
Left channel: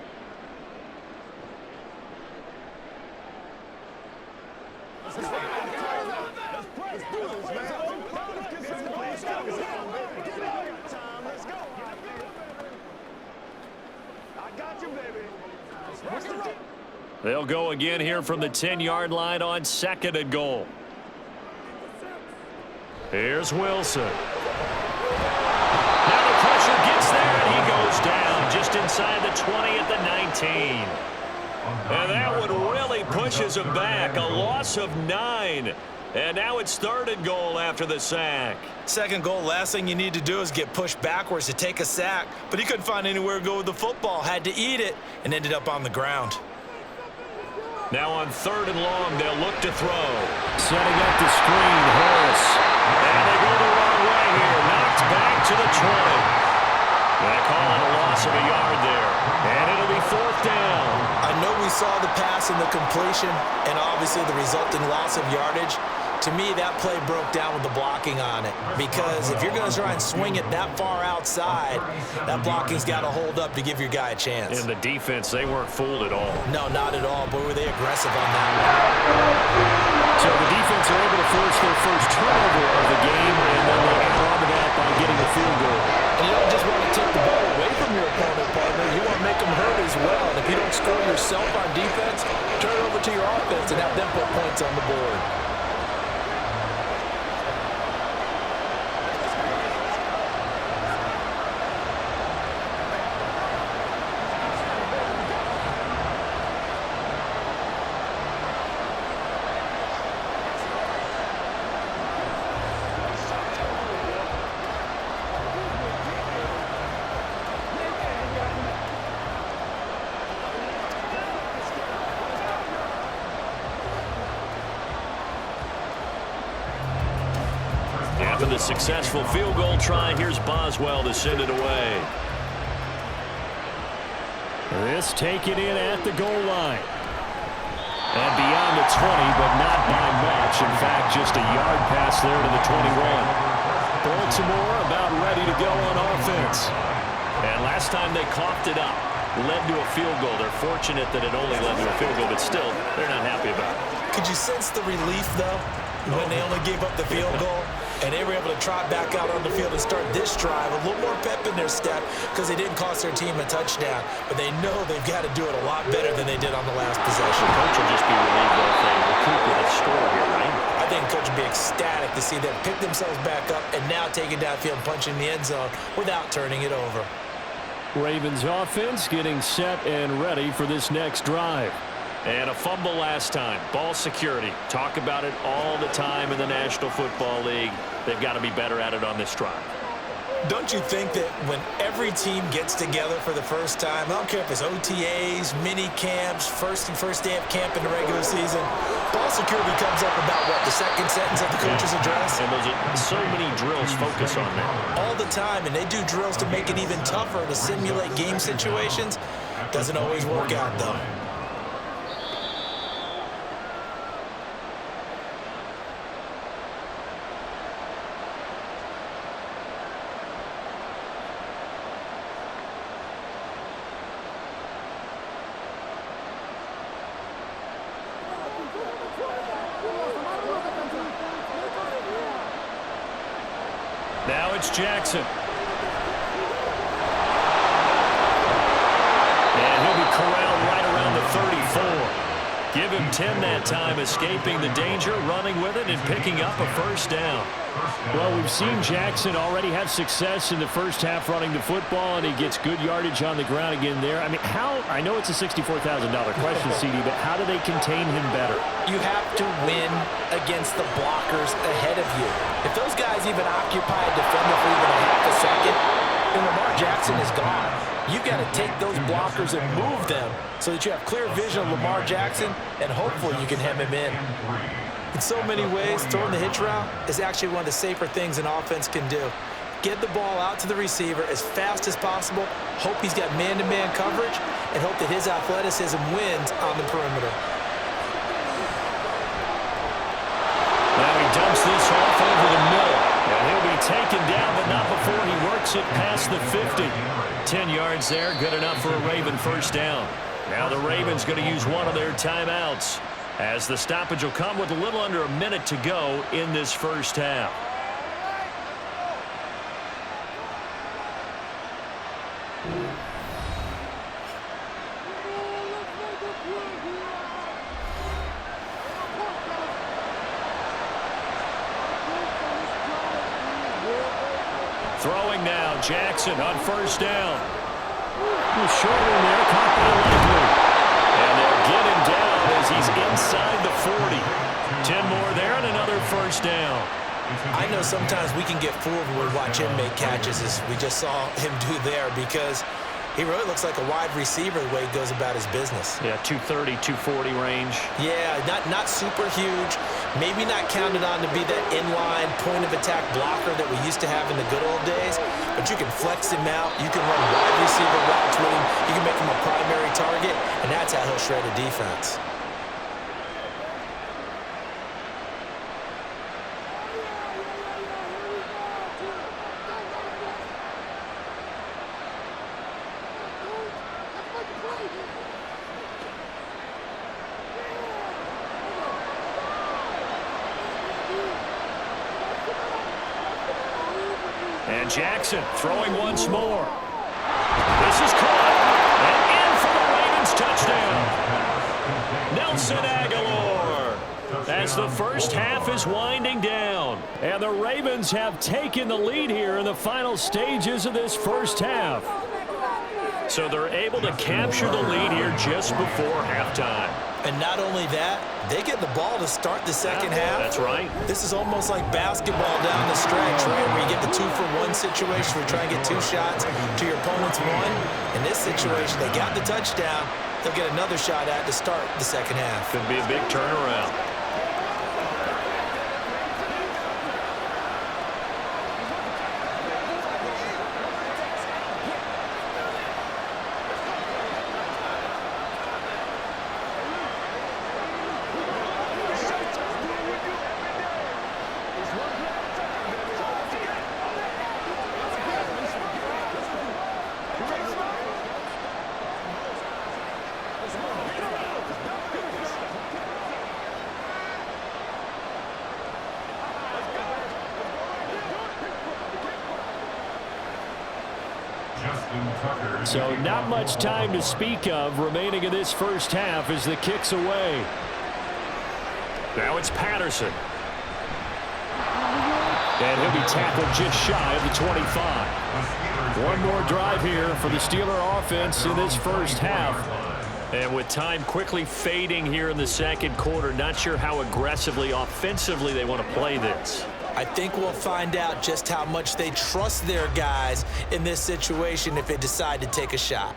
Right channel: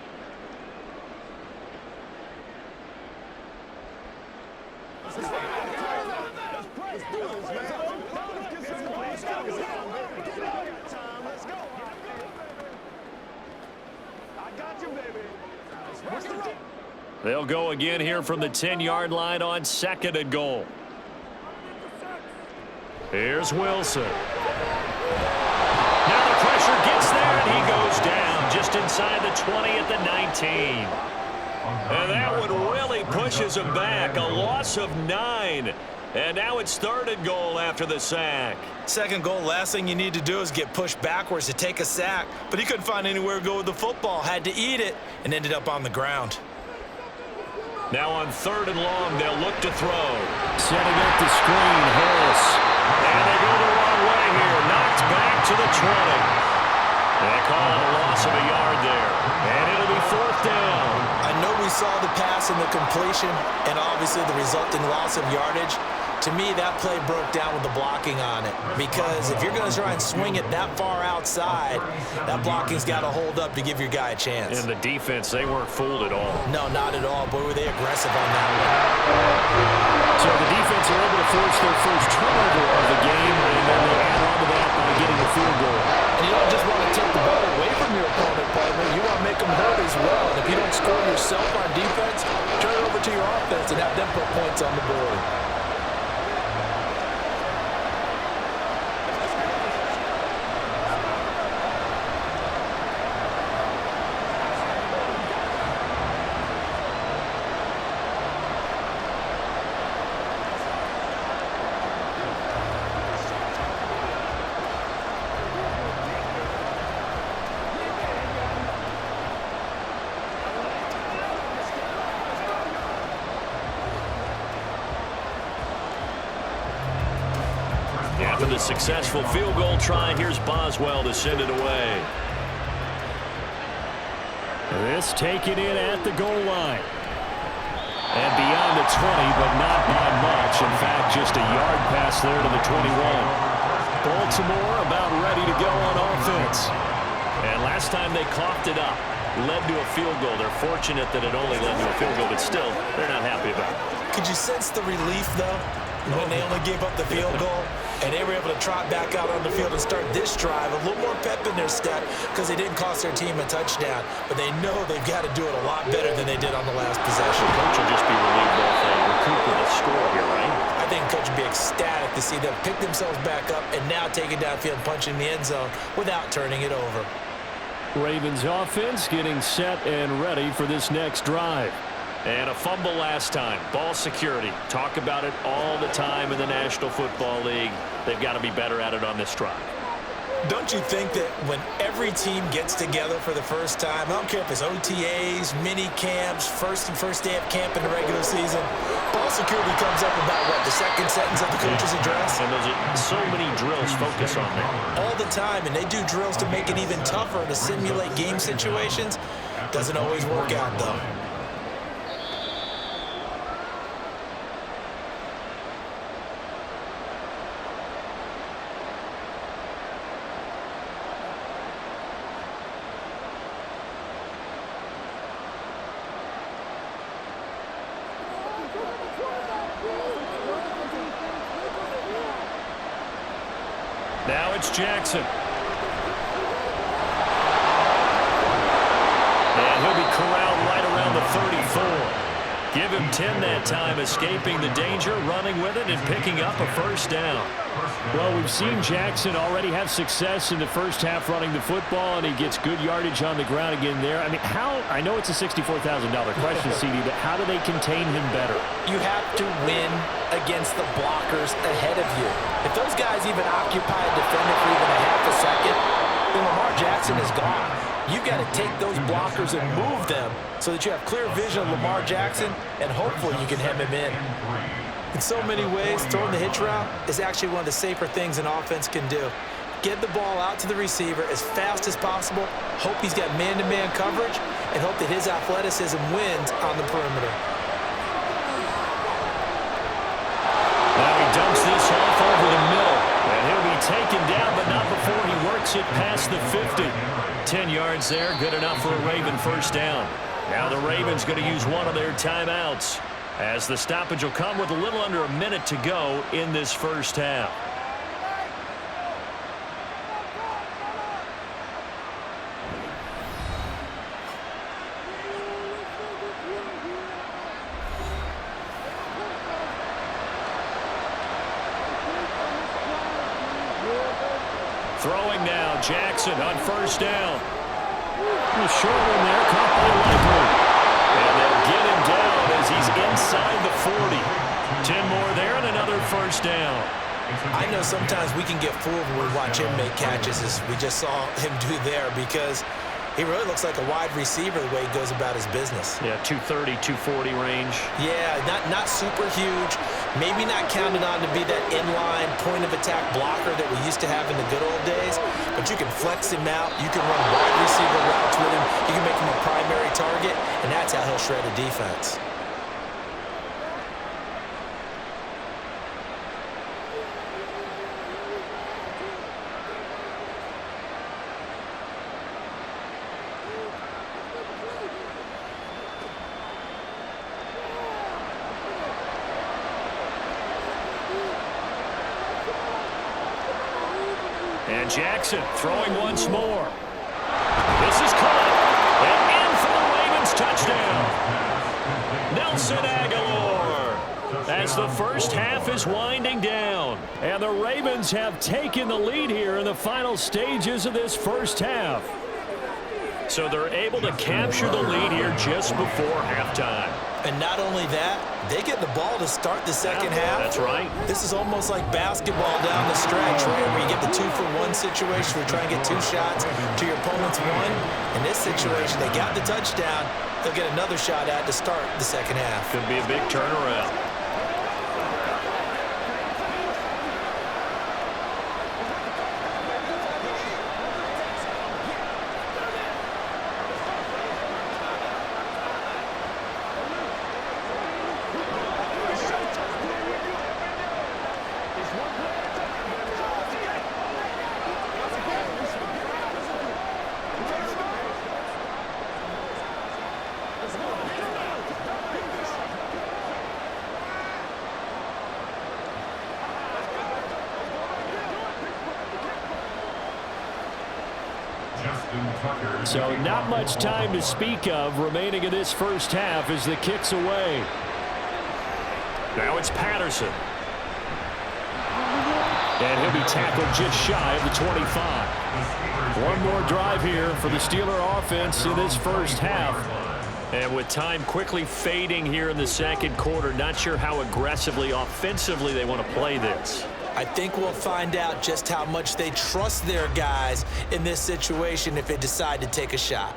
They'll go again here from the 10-yard line on 2nd and goal. Here's Wilson. Now the pressure gets there, and he goes down just inside the 20 at the 19. And that one really pushes him back. A loss of 9. And now it's 3rd and goal after the sack. 2nd goal, last thing you need to do is get pushed backwards to take a sack. But he couldn't find anywhere to go with the football. Had to eat it and ended up on the ground. Now on 3rd and long, they'll look to throw. Setting up the screen, Harris. And they go the wrong way here. Knocked back to the 20. They call it a loss of a yard there. And it'll be 4th down. I know we saw the pass and the completion and obviously the resulting loss of yardage. To me, that play broke down with the blocking on it. Because if you're going to try and swing it that far outside, that blocking's got to hold up to give your guy a chance. And the defense, they weren't fooled at all. No, not at all. Boy, were they aggressive on that one. So the defense are able to force their first turnover of the game, and then they add on to that by getting the field goal. And you don't just want to take the ball away from your opponent, partner. You want to make them hurt as well. And if you don't score yourself on defense, turn it over to your offense and have them put points on the board. After the successful field goal try, here's Boswell to send it away. This taken in at the goal line. And beyond the 20, but not by much. In fact, just a yard pass there to the 21. Baltimore about ready to go on offense. And last time they coughed it up, led to a field goal. They're fortunate that it only led to a field goal, but still, they're not happy about it. Could you sense the relief, though, when they only gave up the field goal? And they were able to trot back out on the field and start this drive. A little more pep in their step because they didn't cost their team a touchdown. But they know they've got to do it a lot better than they did on the last possession. The coach will just be relieved though if they recoup with a score here, right? I think coach would be ecstatic to see them pick themselves back up and now take it downfield and punch in the end zone without turning it over. Ravens offense getting set and ready for this next drive. And a fumble last time. Ball security. Talk about it all the time in the National Football League. They've got to be better at it on this drive. Don't you think that when every team gets together for the first time, I don't care if it's OTAs, mini camps, first day of camp in the regular season, ball security comes up about what, the second sentence of the coach's address? And those are so many drills focus on that. All the time, and they do drills to make it even tougher to simulate game situations. Doesn't always work out, though. Now it's Jackson. And he'll be corralled right around the 34. Give him 10 that time, escaping the danger, running with it, and picking up a first down. Well, we've seen Jackson already have success in the first half running the football, and he gets good yardage on the ground again there. I mean, I know it's a $64,000 question, CD, but how do they contain him better? You have to win against the blockers ahead of you. If those guys even occupy a defender for even a half a second, then Lamar Jackson is gone. You've got to take those blockers and move them so that you have clear vision of Lamar Jackson, and hopefully you can hem him in. In so many ways, throwing the hitch route is actually one of the safer things an offense can do. Get the ball out to the receiver as fast as possible, hope he's got man-to-man coverage, and hope that his athleticism wins on the perimeter. Now he dumps this off over the middle, and he'll be taken down, but not before he works it past the 50. 10 yards there, good enough for a Raven first down. Now the Ravens going to use one of their timeouts, as the stoppage will come with a little under a minute to go in this first half. Throwing now, Jackson on first down. A short one there, caught by Likely. And they'll get him down as he's inside the 40. 10 more there and another first down. I know sometimes we can get fooled when we watch him make catches, as we just saw him do there, because he really looks like a wide receiver the way he goes about his business. Yeah, 230, 240 range. Yeah, not super huge. Maybe not counted on to be that inline point-of-attack blocker that we used to have in the good old days, but you can flex him out. You can run wide receiver routes with him. You can make him a primary target, and that's how he'll shred a defense. And Jackson throwing once more. This is caught. And in for the Ravens touchdown. Nelson Aguilar. As the first half is winding down. And the Ravens have taken the lead here in the final stages of this first half. So they're able to capture the lead here just before halftime. And not only that, they get the ball to start the second half. That's right. This is almost like basketball down the stretch, right, where you get the 2-for-1 situation where you try and get 2 shots to your opponent's 1. In this situation, they got the touchdown. They'll get another shot at to start the second half. Could be a big turnaround. So not much time to speak of remaining in this first half as the kick's away. Now it's Patterson. And he'll be tackled just shy of the 25. One more drive here for the Steeler offense in this first half. And with time quickly fading here in the second quarter, not sure how aggressively, offensively they want to play this. I think we'll find out just how much they trust their guys in this situation if they decide to take a shot.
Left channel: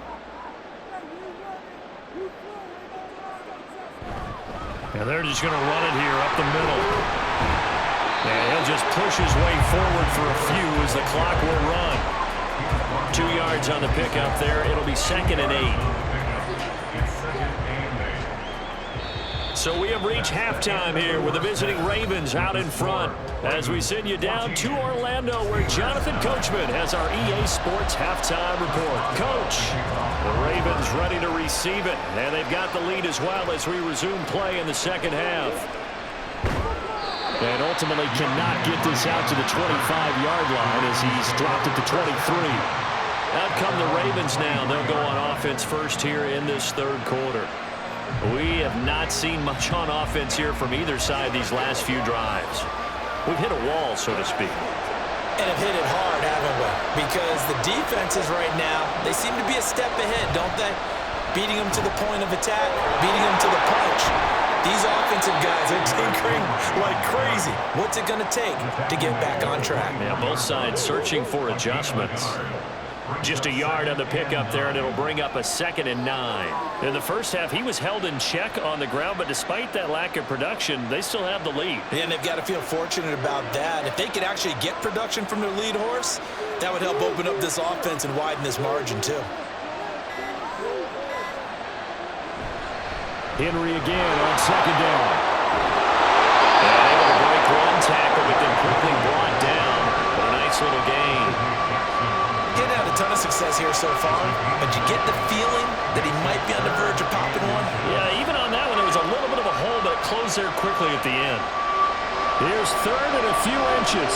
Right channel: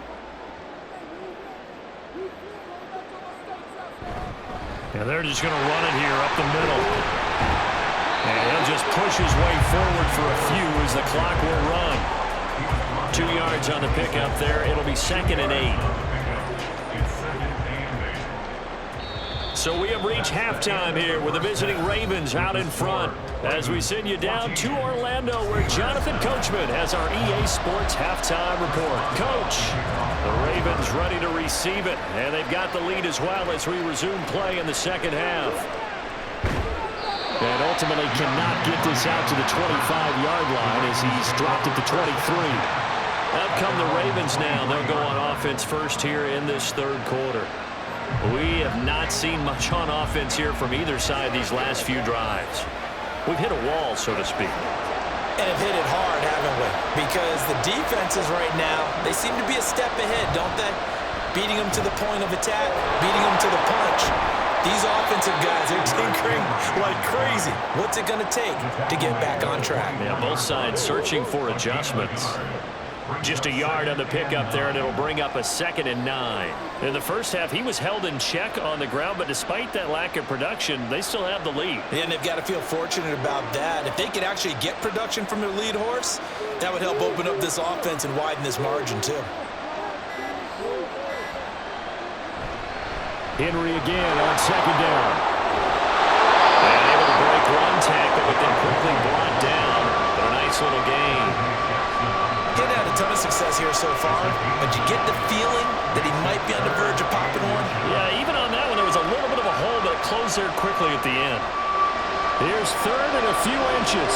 And they're just going to run it here up the middle. And he'll just push his way forward for a few as the clock will run. 2 yards on the pickup there. It'll be 2nd and 8. So we have reached halftime here with the visiting Ravens out in front. As we send you down to Orlando, where Jonathan Coachman has our EA Sports halftime report. Coach, the Ravens ready to receive it, and they've got the lead as well as we resume play in the second half. And ultimately cannot get this out to the 25-yard line as he's dropped at the 23. Out come the Ravens now. They'll go on offense first here in this third quarter. We have not seen much on offense here from either side these last few drives. We've hit a wall, so to speak. And have hit it hard, haven't we? Because the defenses right now, they seem to be a step ahead, don't they? Beating them to the point of attack, beating them to the punch. These offensive guys are tinkering like crazy. What's it going to take to get back on track? Yeah, both sides searching for adjustments. Just a yard on the pickup there, and it'll bring up a 2nd and 9. In the first half, he was held in check on the ground, but despite that lack of production, they still have the lead. And they've got to feel fortunate about that. If they could actually get production from their lead horse, that would help open up this offense and widen this margin too. Henry again on 2nd down. And able to break one tackle, but then quickly brought down. But a nice little gain. Getting had a ton of success here so far, but you get the feeling that he might be on the verge of popping one. Yeah, even on that one, there was a little bit of a hole, but it closed there quickly at the end. Here's 3rd and a few inches.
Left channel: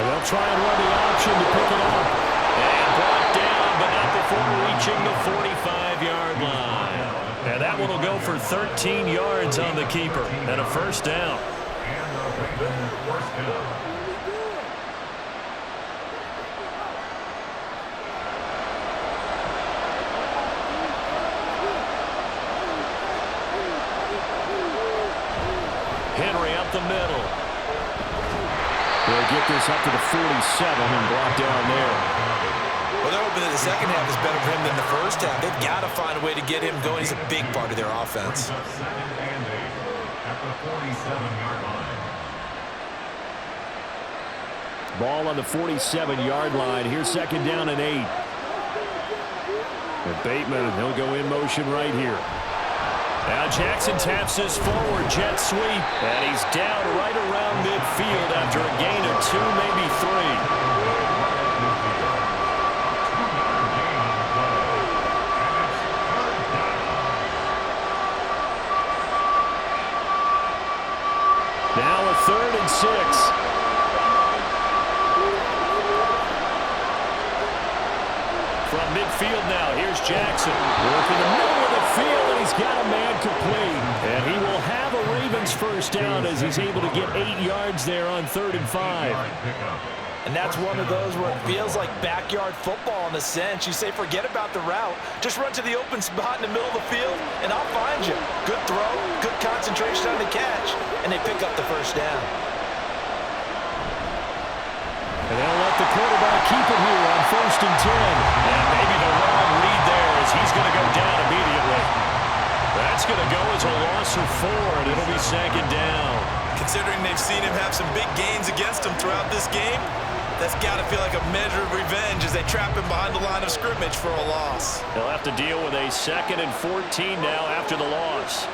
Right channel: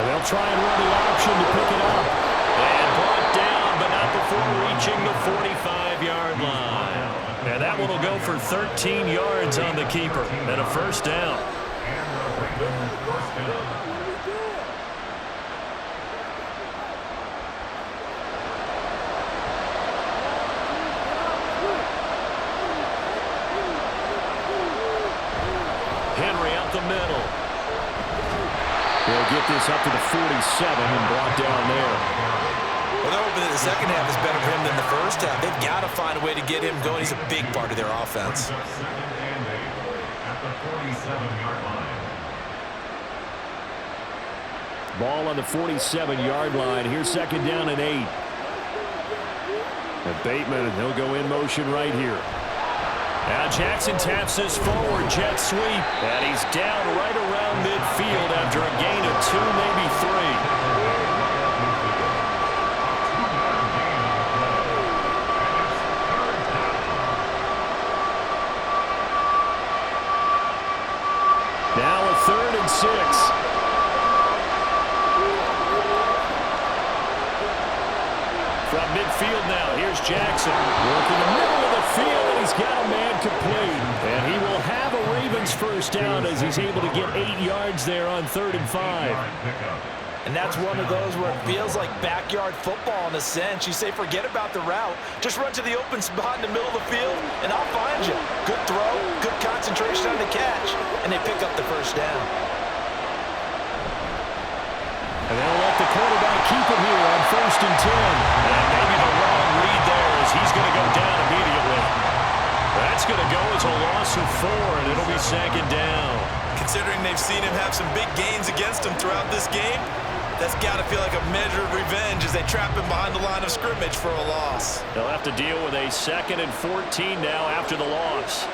And they'll try and run the option to pick it up. And brought down, but not before reaching the 45-yard line. And that one will go for 13 yards on the keeper and a first down. Henry up the middle. They'll get this up to the 47 and brought down there. Well, they're hoping that the second half is better for him than the first half. They've got to find a way to get him going. He's a big part of their offense. 2nd and 8 at the 47-yard line. Ball on the 47-yard line. Here's 2nd down and 8. And Bateman, he'll go in motion right here. Now Jackson taps this forward, jet sweep, and he's down right around midfield after a gain of 2, maybe 3. Now a 3rd and 6. From midfield now, here's Jackson. Working the middle of the field, and he's got a man complete. And he will have a Ravens first down as he's able to get 8 yards there on 3rd and 5. And that's one of those where it feels like backyard football in a sense. You say forget about the route. Just run to the open spot in the middle of the field, and I'll find you. Good throw, good concentration on the catch, and they pick up the first down. And they'll let the quarterback keep it here on 1st and 10. And maybe the wrong read there as he's going to go down immediately. That's going to go as a loss of 4, and it'll be 2nd down. Considering they've seen him have some big gains against them throughout this game, that's got to feel like a measure of revenge as they trap him behind the line of scrimmage for a loss. They'll have to deal with a 2nd and 14 now after the loss.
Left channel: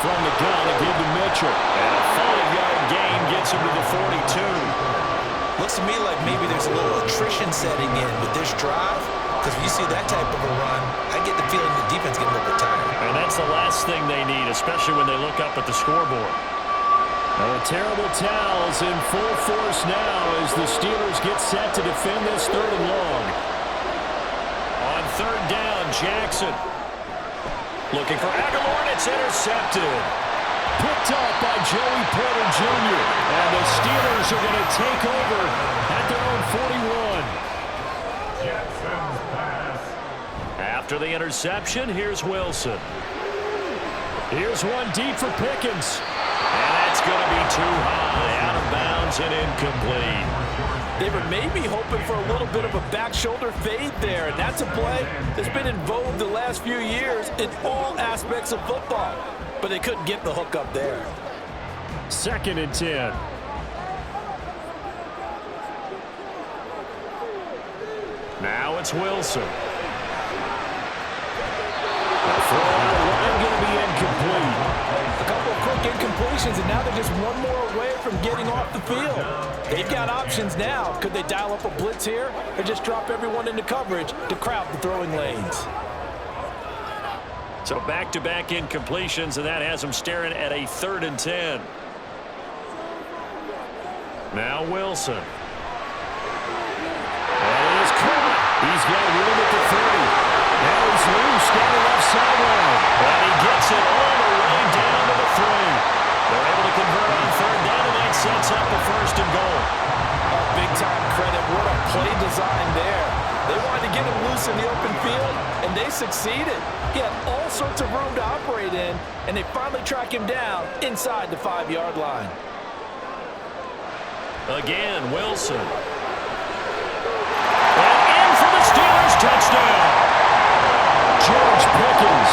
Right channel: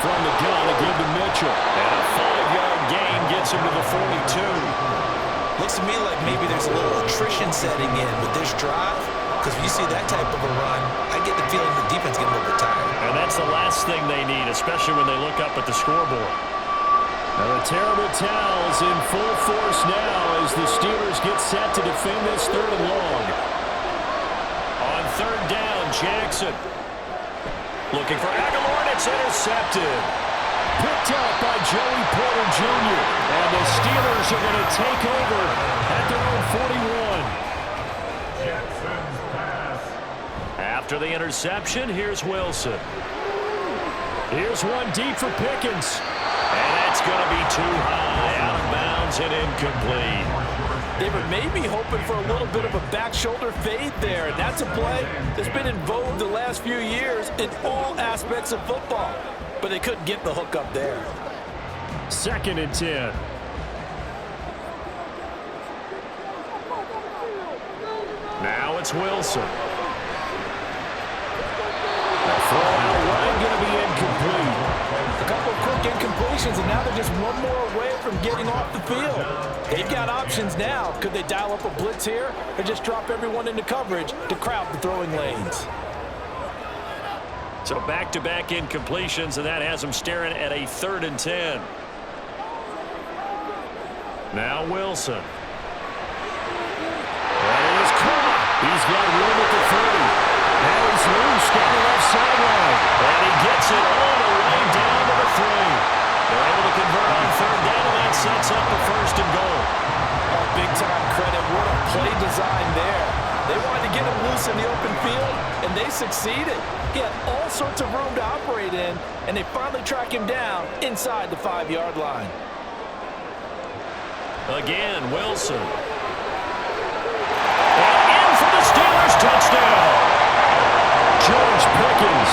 From the gun to give to Mitchell. And a 5-yard gain gets him to the 42. Looks to me like maybe there's a little attrition setting in with this drive. Because when you see that type of a run, I get the feeling the defense getting a little bit tired. And that's the last thing they need, especially when they look up at the scoreboard. Now the terrible towels in full force now as the Steelers get set to defend this 3rd and long. On 3rd down, Jackson. Looking for Aguilar, and it's intercepted. Picked up by Joey Porter Jr. And the Steelers are going to take over at their own 41. After the interception, here's Wilson. Here's one deep for Pickens. And that's going to be too high, out of bounds and incomplete. They were maybe hoping for a little bit of a back shoulder fade there, and that's a play that's been in vogue the last few years in all aspects of football. But they couldn't get the hook up there. 2nd and 10. Now it's Wilson. The throw-out run going to be incomplete. A couple of quick incompletions, and now they're just one more away from getting off the field. They've got options now. Could they dial up a blitz here or just drop everyone into coverage to crowd the throwing lanes? So back-to-back incompletions, and that has them staring at a 3rd and 10. Now Wilson. And it is caught. He's got room at the 30. Now he's loose down the left sideline. And he gets it all the way down to the 3. They're able to convert on 3rd down, and that sets up the 1st and goal. Oh, big-time credit. What a play design there. They wanted to get him loose in the open field, and they succeeded. He had all sorts of room to operate in, and they finally track him down inside the 5-yard line. Again, Wilson. And in for the Steelers, touchdown. George Pickens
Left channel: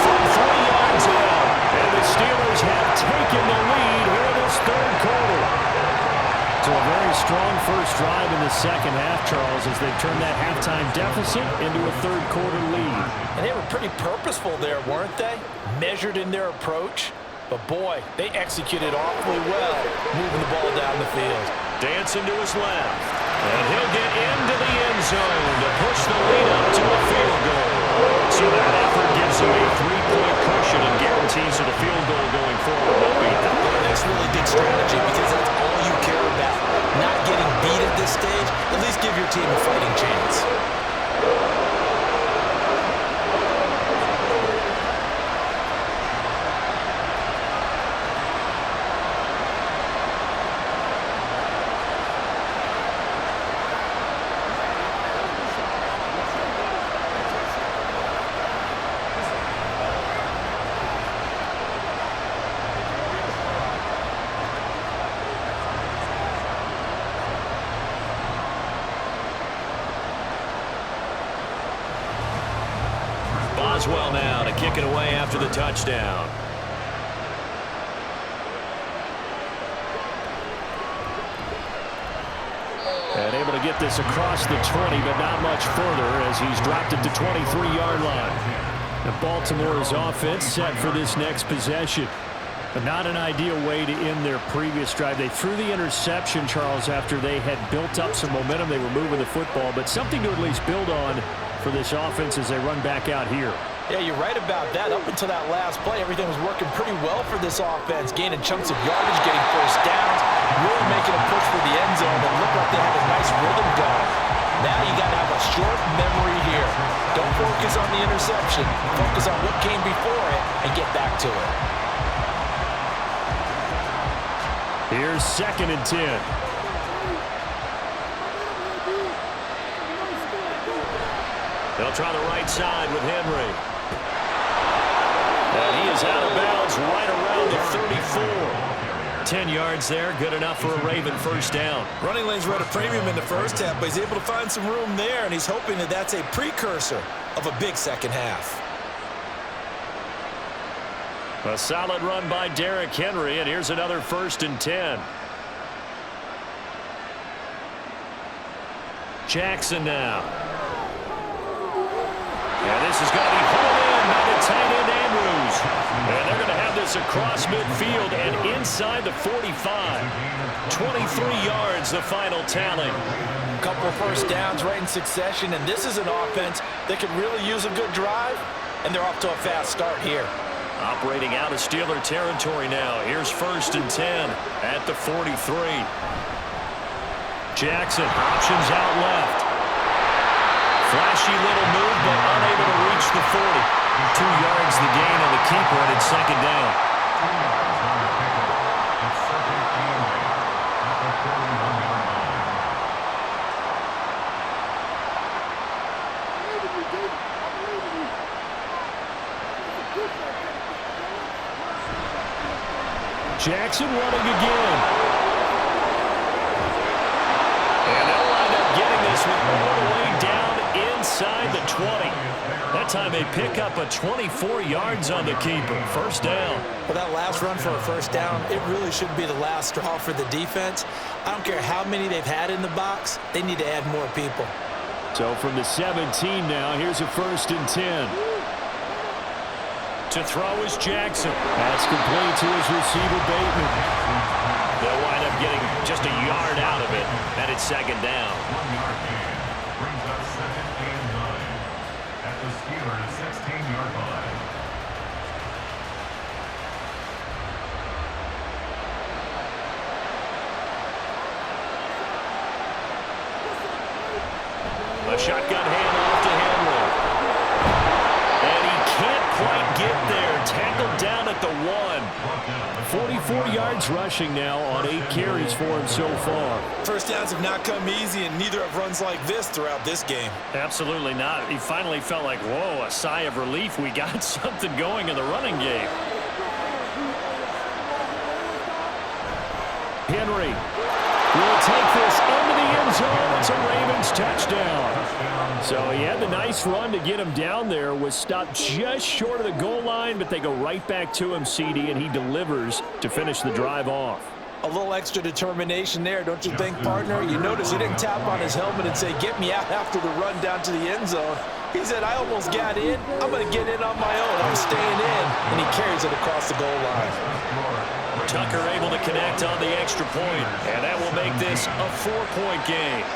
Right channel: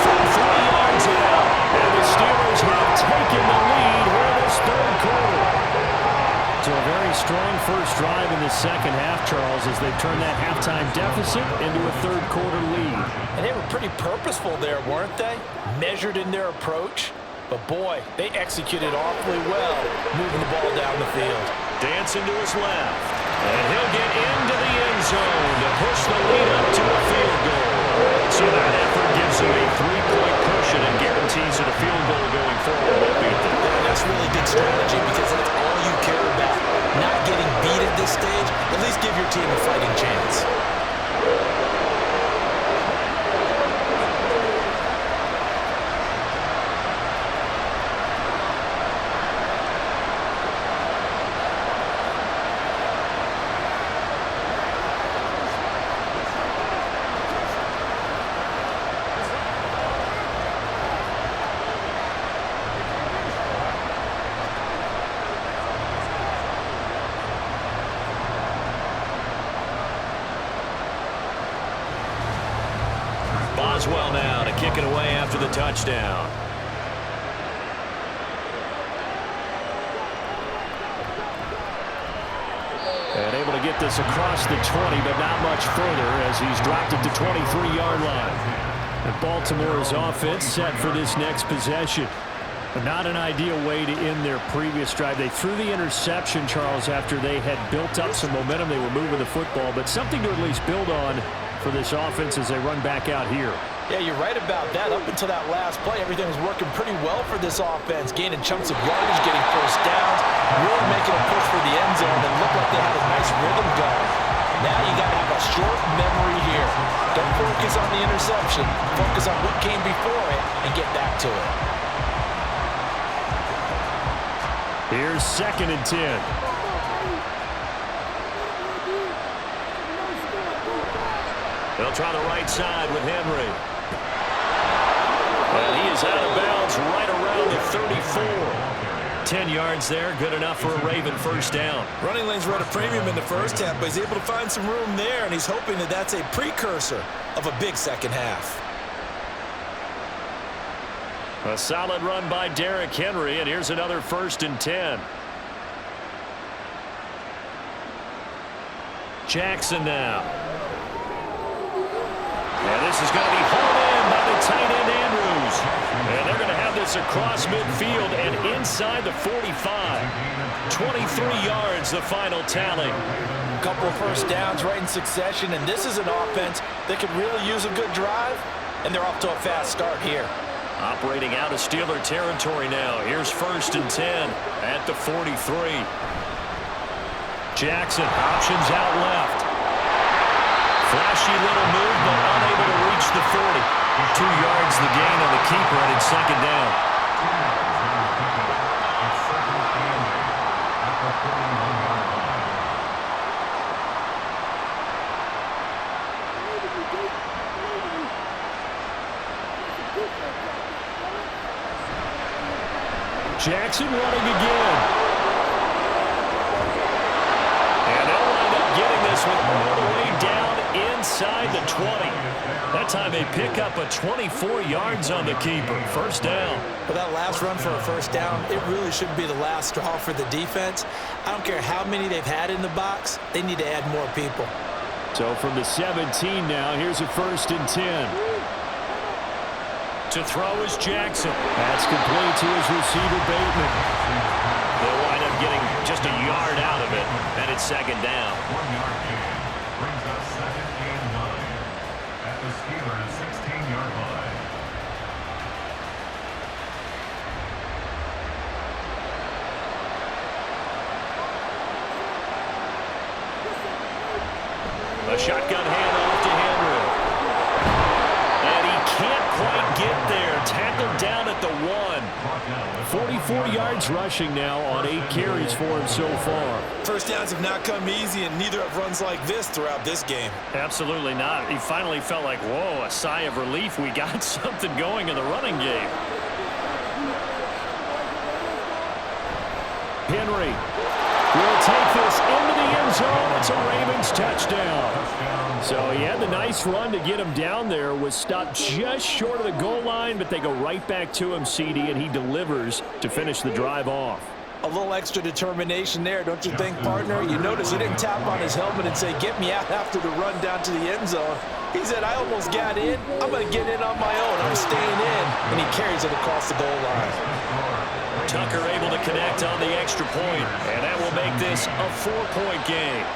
from 3 yards out. And the Steelers have taken the lead here in this 3rd quarter. So a very strong first drive in the 2nd half, Charles, as they've turned that halftime deficit into a 3rd quarter lead. And they were pretty purposeful there, weren't they? Measured in their approach. But boy, they executed awfully well, moving the ball down the field. Dancing to his left. And he'll get into the end zone to push the lead up to a field goal. So that effort gives him a 3-point cushion and guarantees that a field goal going forward won't beat them. And that's really good strategy because that's all you care about. Not getting beat at this stage, at least give your team a fighting chance. Boswell now to kick it away after the touchdown. And able to get this across the 20, but not much further as he's dropped it to 23-yard line. And Baltimore's offense set for this next possession. But not an ideal way to end their previous drive. They threw the interception, Charles, after they had built up some momentum. They were moving the football, but something to at least build on for this offense as they run back out here. Yeah, you're right about that. Up until that last play, everything was working pretty well for this offense, gaining chunks of yardage, getting first downs, really making a push for the end zone, and looked like they had a nice rhythm going. Now you got to have a short memory here. Don't focus on the interception. Focus on what came before it and get back to it. Here's 2nd and 10. They'll try the right side with Henry. And he is out of bounds right around the 34. 10 yards there, good enough for a Raven first down. Running lanes were at a premium in the first half, but he's able to find some room there, and he's hoping that that's a precursor of a big second half. A solid run by Derrick Henry, and here's another 1st and 10. Jackson now. And this is going to be hauled in by the tight end Andrews. And they're going to have this across midfield and inside the 45. 23 yards, the final tally. A couple of first downs right in succession, and this is an offense that could really use a good drive, and they're off to a fast start here. Operating out of Steeler territory now. Here's 1st and 10 at the 43. Jackson options out left. Flashy little move, but unable to reach the 40. 2 yards the gain on the keeper, and it's 2nd down. 2 yards on the pickup. It's 2nd and 8 at the 41-yard line. Jackson running again. And they'll wind up getting this one all the way down inside the 20. That time they pick up a 24 yards on the keeper. First down. Well, that last run for a first down, it really should be the last straw for the defense. I don't care how many they've had in the box. They need to add more people. So from the 17 now, here's a 1st and 10. To throw is Jackson. That's complete to his receiver, Bateman. They'll wind up getting just a yard out of it, and it's 2nd down. 1 yard gain brings up 2nd and 9 at the Steelers' 16-yard line. A shotgun handoff to Henry. And he can't quite get there. Tackled down at the 1. 44 yards rushing now on 8 carries for him so far. First downs have not come easy, and neither have runs like this throughout this game. Absolutely not. He finally felt like, whoa, a sigh of relief. We got something going in the running game. Henry will take this into the end zone. It's a Ravens touchdown. So he had the nice run to get him down there. Was stopped just short of the goal line, but they go right back to him, CD, and he delivers to finish the drive off. A little extra determination there, don't you think, partner? You notice he didn't tap on his helmet and say, get me out after the run down to the end zone. He said, I almost got in. I'm going to get in on my own. I'm staying in. And he carries it across the goal line. Tucker able to connect on the extra point, and that will make this a 4-point game.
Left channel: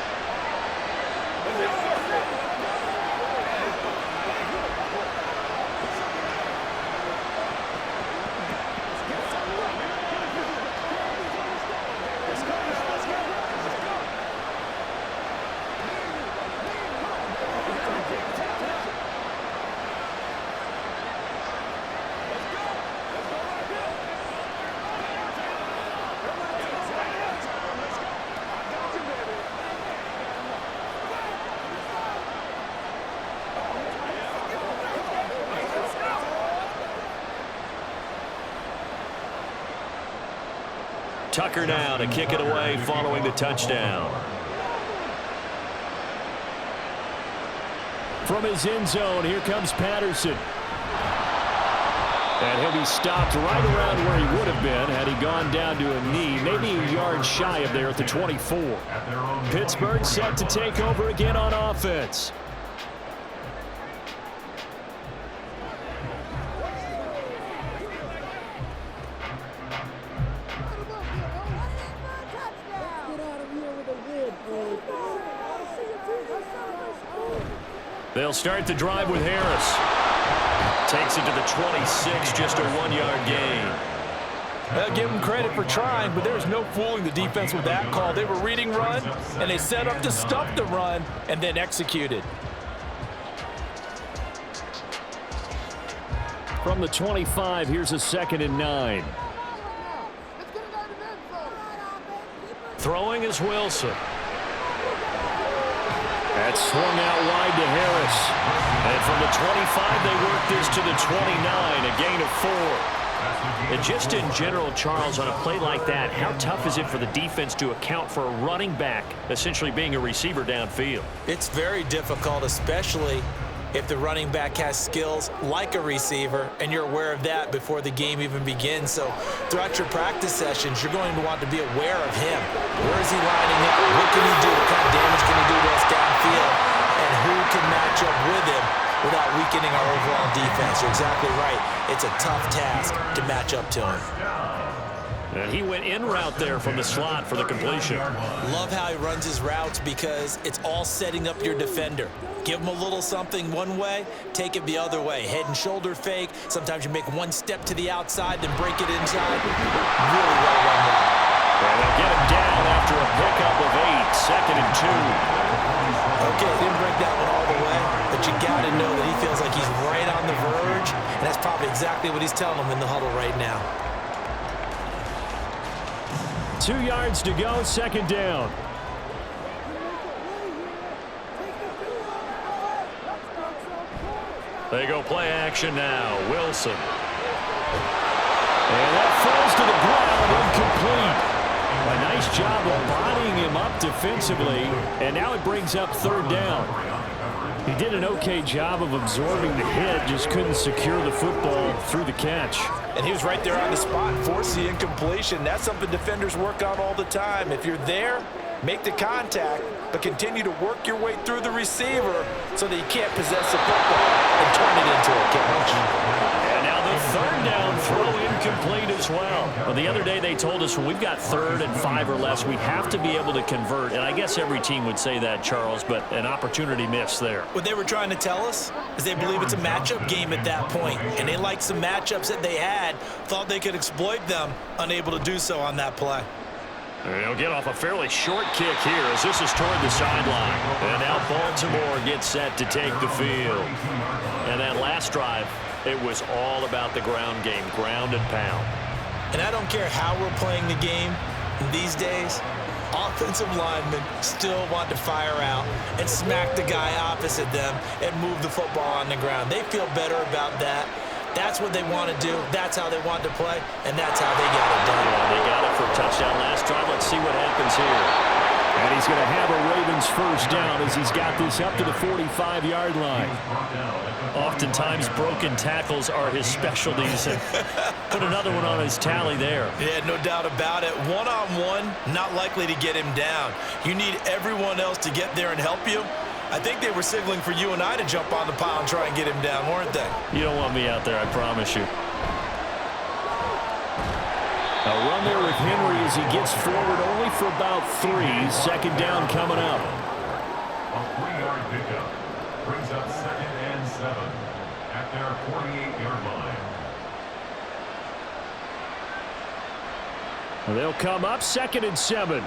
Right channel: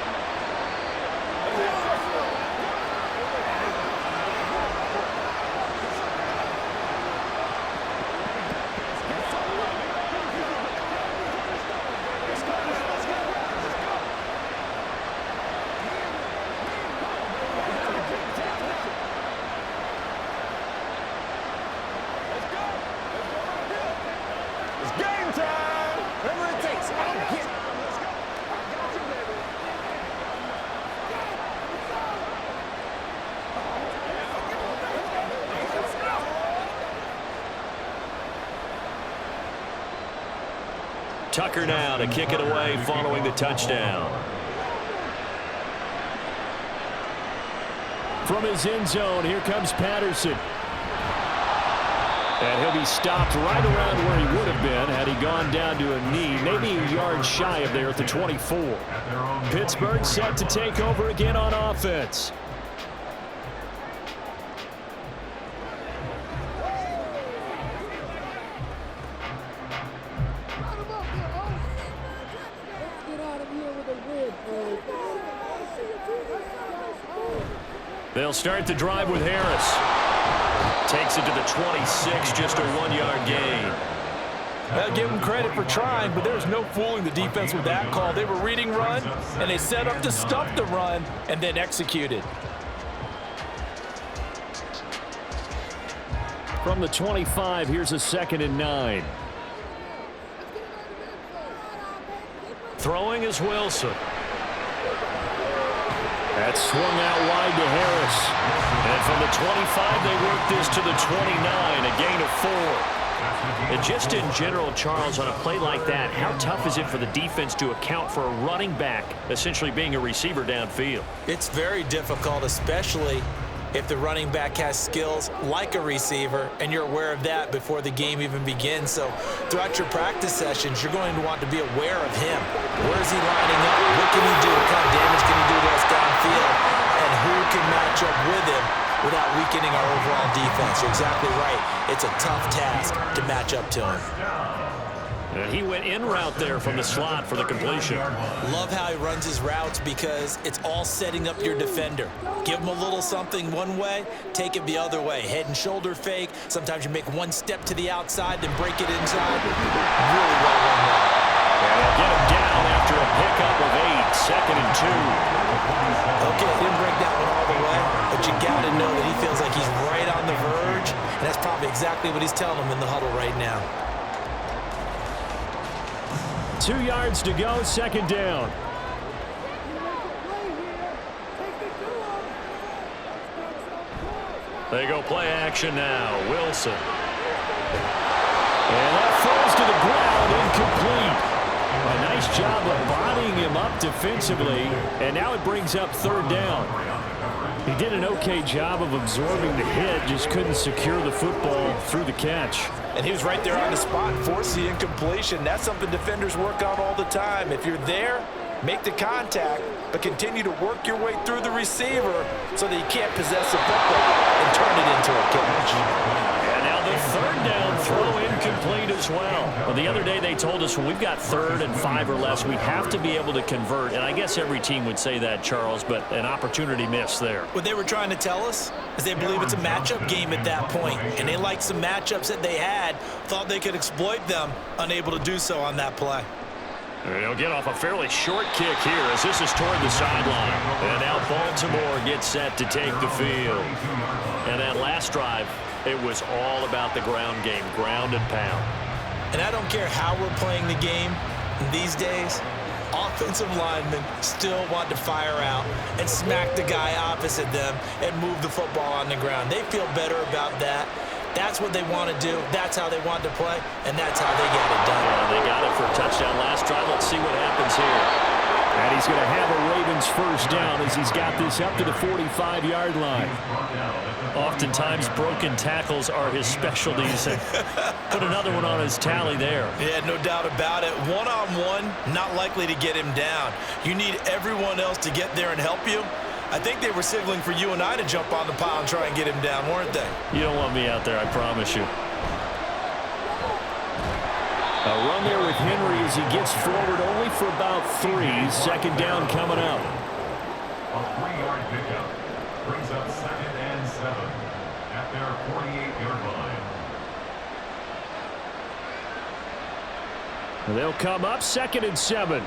Tucker now to kick it away following the touchdown. From his end zone, here comes Patterson. And he'll be stopped right around where he would have been had he gone down to a knee, maybe a yard shy of there at the 24. Pittsburgh set to take over again on offense. They'll start the drive with Harris. Takes it to the 26, just a 1-yard gain. I'll give them credit for trying, but there's no fooling the defense with that call. They were reading run, and they set up to stop the run, and then executed. From the 25, here's a 2nd and 9. Throwing is Wilson. That's swung out wide to Harris. And from the 25, they work this to the 29, a gain of 4. And just in general, Charles, on a play like that, how tough is it for the defense to account for a running back essentially being a receiver downfield? It's very difficult, especially if the running back has skills like a receiver, and you're aware of that before the game even begins. So throughout your practice sessions, you're going to want to be aware of him. Where is he lining up? What can he do? What kind of damage can he do to us downfield? And who can match up with him without weakening our overall defense? You're exactly right. It's a tough task to match up to him. And he went in route there from the slot for the completion. Love how he runs his routes because it's all setting up your defender. Give him a little something one way, take it the other way. Head and shoulder fake. Sometimes you make one step to the outside, then break it inside. Really well run route. And they'll get him down after a pickup of 8, 2nd and 2. Okay, didn't break that one all the way, but you got to know that he feels like he's right on the verge, and that's probably exactly what he's telling them in the huddle right now. 2 yards to go, 2nd down. They go play action now. Wilson And that falls to the ground, incomplete. A nice job of bodying him up defensively, and now it brings up third down. He did an okay job of absorbing the hit, just couldn't secure the football through the catch. And he was right there on the spot, forced the incompletion. That's something defenders work on all the time. If you're there, make the contact, but continue to work your way through the receiver so that you can't possess the football and turn it into a catch. And now the third down throw incomplete as well. Well, the other day they told us when we've got 3rd and 5 or less, we have to be able to convert. And I guess every team would say that, Charles, but an opportunity missed there. What they were trying to tell us is they believe it's a matchup game at that point, and they liked some matchups that they had, thought they could exploit them, unable to do so on that play. And he'll get off a fairly short kick here as this is toward the sideline. And now Baltimore gets set to take the field. And that last drive, it was all about the ground game, ground and pound. And I don't care how we're playing the game these days, offensive linemen still want to fire out and smack the guy opposite them and move the football on the ground. They feel better about that. That's what they want to do. That's how they want to play, and that's how they got it done. Yeah, they got it for a touchdown last drive. Let's see what happens here. And he's going to have a Ravens first down as he's got this up to the 45-yard line. Oftentimes, broken tackles are his specialties. And put another one on his tally there. Yeah, no doubt about it. One-on-one, not likely to get him down. You need everyone else to get there and help you. I think they were signaling for you and I to jump on the pile and try and get him down, weren't they? You don't want me out there, I promise you. A run there with Henry as he gets forward only for about 3. Second down coming up. A 3-yard pickup brings up 2nd and 7 at their 48-yard line. They'll come up 2nd and 7.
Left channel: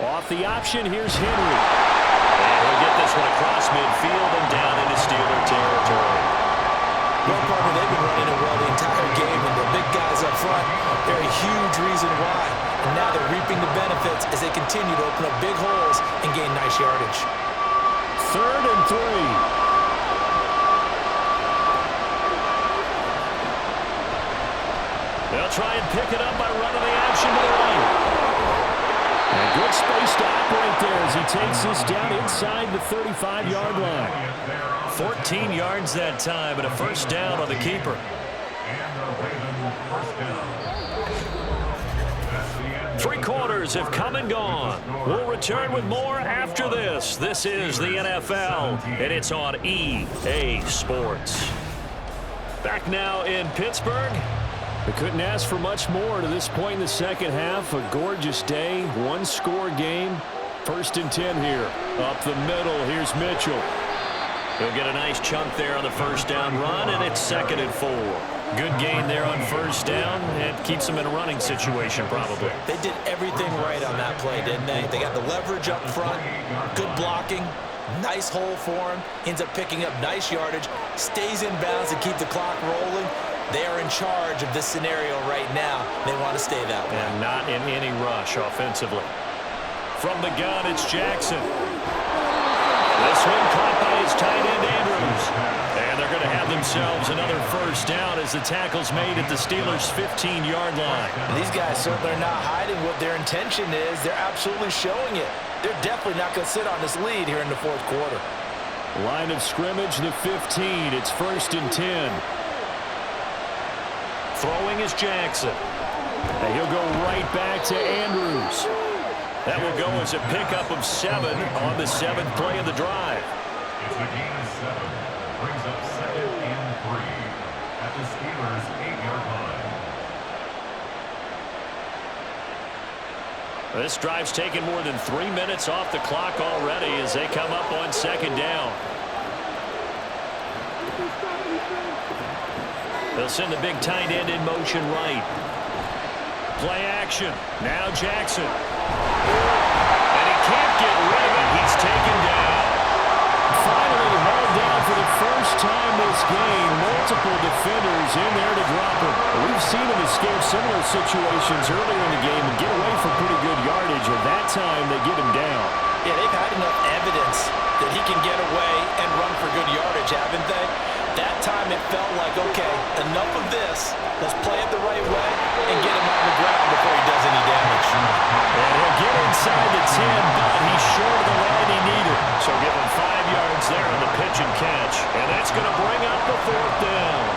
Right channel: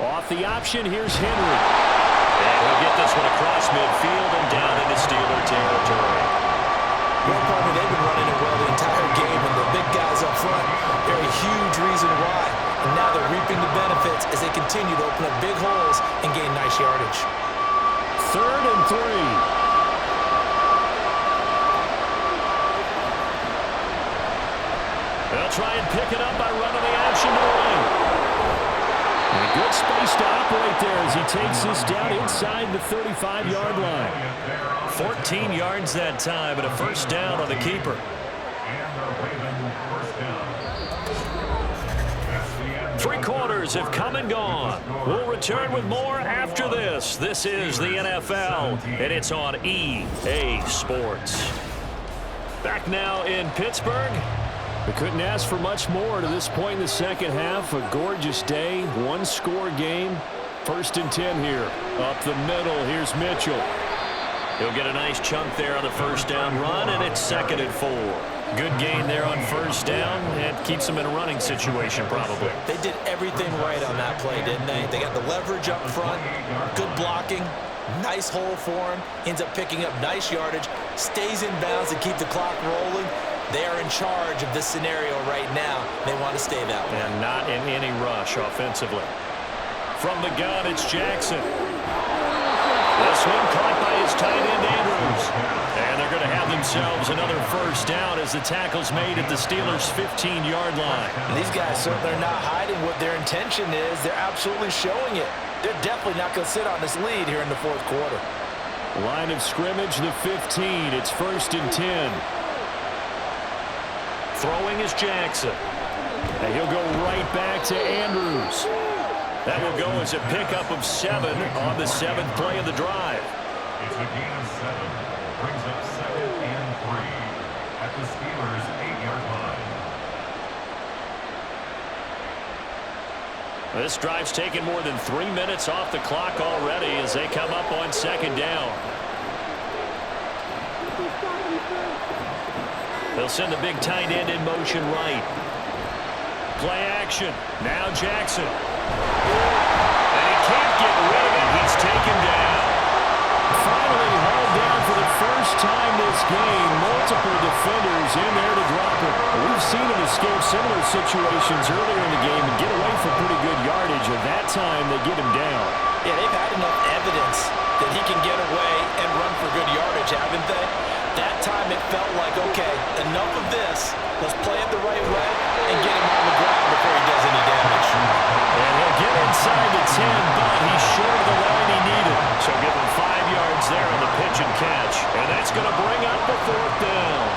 Off the option, here's Henry. And he'll get this one across midfield and down into Steeler territory. Well, partner, they've been running it well the entire game, and the big guys up front, they're a huge reason why. And now they're reaping the benefits as they continue to open up big holes and gain nice yardage. 3rd and 3. They'll try and pick it up by running the option to the right. And good space to operate there as he takes this down inside the 35-yard line. 14 yards that time and a first down on the keeper. And the Ravens first down. That's the end. 3 quarters have come and gone. We'll return with more after this. This is the NFL, and it's on EA Sports. Back now in Pittsburgh. We couldn't ask for much more to this point in the second half. A gorgeous day, 1-score game. 1st and 10 here. Up the middle, here's Mitchell. He'll get a nice chunk there on the first down run, and it's 2nd and 4. Good gain there on first down. It keeps them in a running situation, probably. They did everything right on that play, didn't they? They got the leverage up front, good blocking, nice hole for him, ends up picking up nice yardage, stays in bounds to keep the clock rolling. They are in charge of this scenario right now. They want to stay that way. And not in any rush offensively. From the gun, it's Jackson. This one caught by his tight end, Andrews. And they're going to have themselves another first down as the tackle's made at the Steelers' 15-yard line. And these guys certainly are not hiding what their intention is. They're absolutely showing it. They're definitely not going to sit on this lead here in the 4th quarter. Line of scrimmage, the 15. It's 1st and 10. Throwing is Jackson. And he'll go right back to Andrews. That will go as a pickup of 7 on the 7th play of the drive. It's a gain of 7. Brings up 2nd and 3 at the Steelers' 8-yard line. This drive's taken more than 3 minutes off the clock already as they come up on 2nd down. They'll send the big tight end in motion right. Play action. Now Jackson. And he can't get rid of it. He's taken down. Finally hauled down for the first time this game. Multiple defenders in there to drop him. We've we've seen him escape similar situations earlier in the game and get away for pretty good yardage, and that time they get him down. Yeah, they've had enough evidence that he can get away and run for good yardage, haven't they? That time it felt like, okay, enough of this. Let's play it the right way and get him on the ground before he does any damage. And he'll get inside the 10, but he's short of the line he needed. So give him 5 yards there on the pitch and catch. And that's going to bring up the 4th down.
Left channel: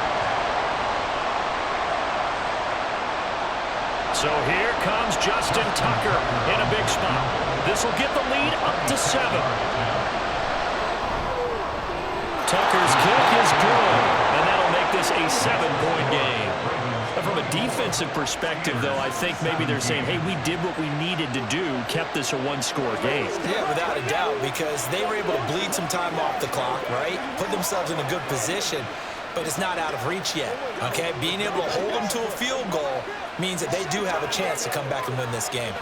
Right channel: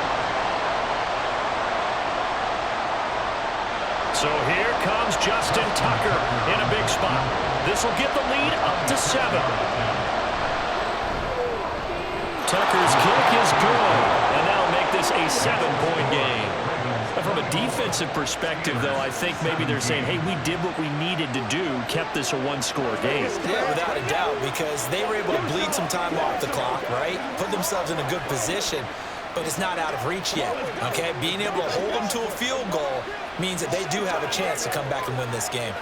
So here comes Justin Tucker in a big spot. This will get the lead up to 7. Tucker's kick is good, and that'll make this a 7-point game. From a defensive perspective, though, I think maybe they're saying, hey, we did what we needed to do, kept this a one-score game. Yeah, without a doubt, because they were able to bleed some time off the clock, right? Put themselves in a good position, but it's not out of reach yet, okay? Being able to hold them to a field goal means that they do have a chance to come back and win this game.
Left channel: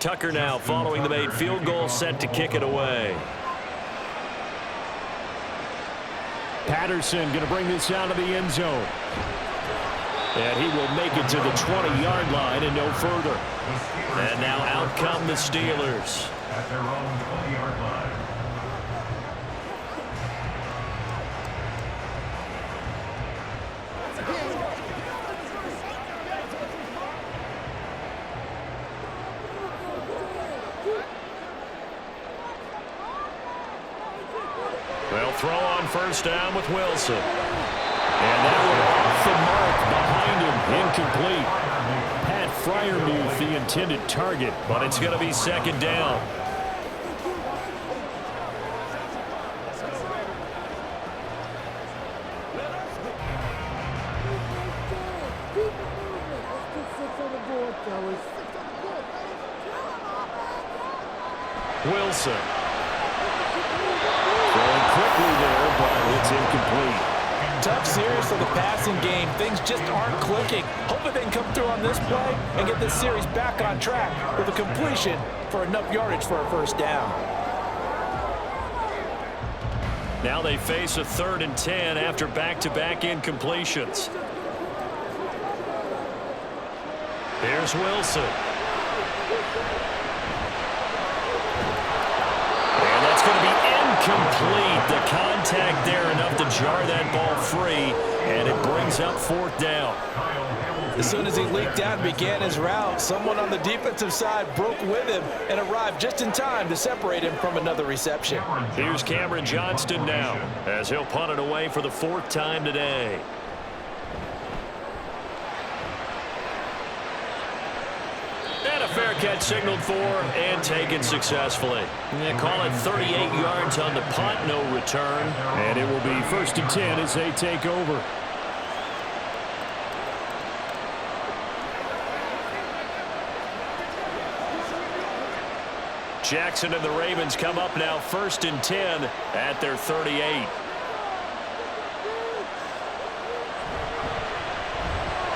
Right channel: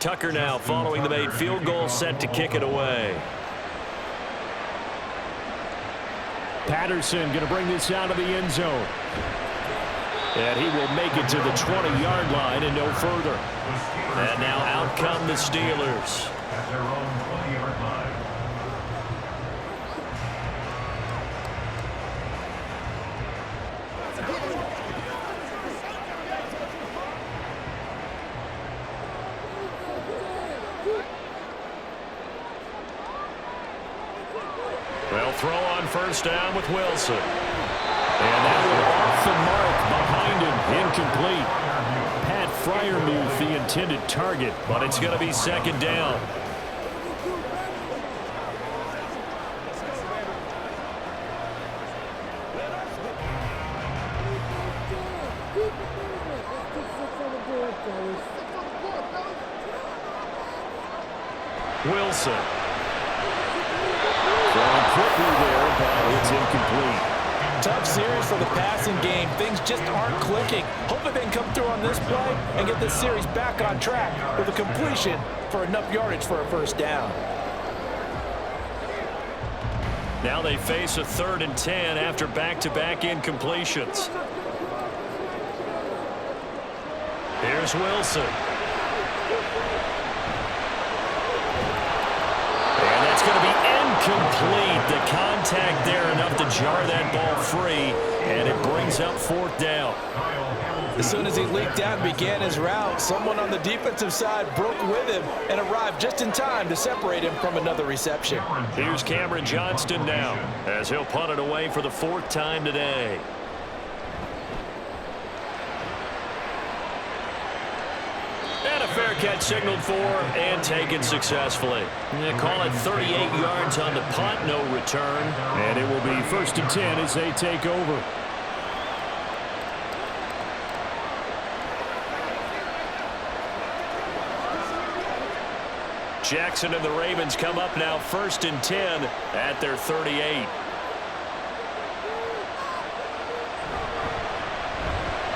Tucker now following the made field goal, set to kick it away. Patterson going to bring this out of the end zone. And he will make it to the 20-yard line and no further. And now out come the Steelers. At their own 20-yard line. They'll throw on first down with Wilson. And that one off the mark behind him, incomplete. Pat Freiermuth, the intended target, but it's going to be 2nd down. Wilson. Throwing quickly there, but it's incomplete. Tough series for the passing game. Things just aren't clicking. Hopefully they can come through on this play and get this series back on track with a completion for enough yardage for a first down. Now they face a 3rd and 10 after back-to-back incompletions. Here's Wilson. And that's going to be incomplete. The contact there enough to jar that ball free, and it brings up 4th down. As soon as he leaked out and began his route, someone on the defensive side broke with him and arrived just in time to separate him from another reception. Here's Cameron Johnston now as he'll punt it away for the 4th time today. And a fair catch signaled for and taken successfully. Call it 38 yards on the punt, no return. And it will be 1st and 10 as they take over. Jackson and the Ravens come up now 1st and 10 at their 38.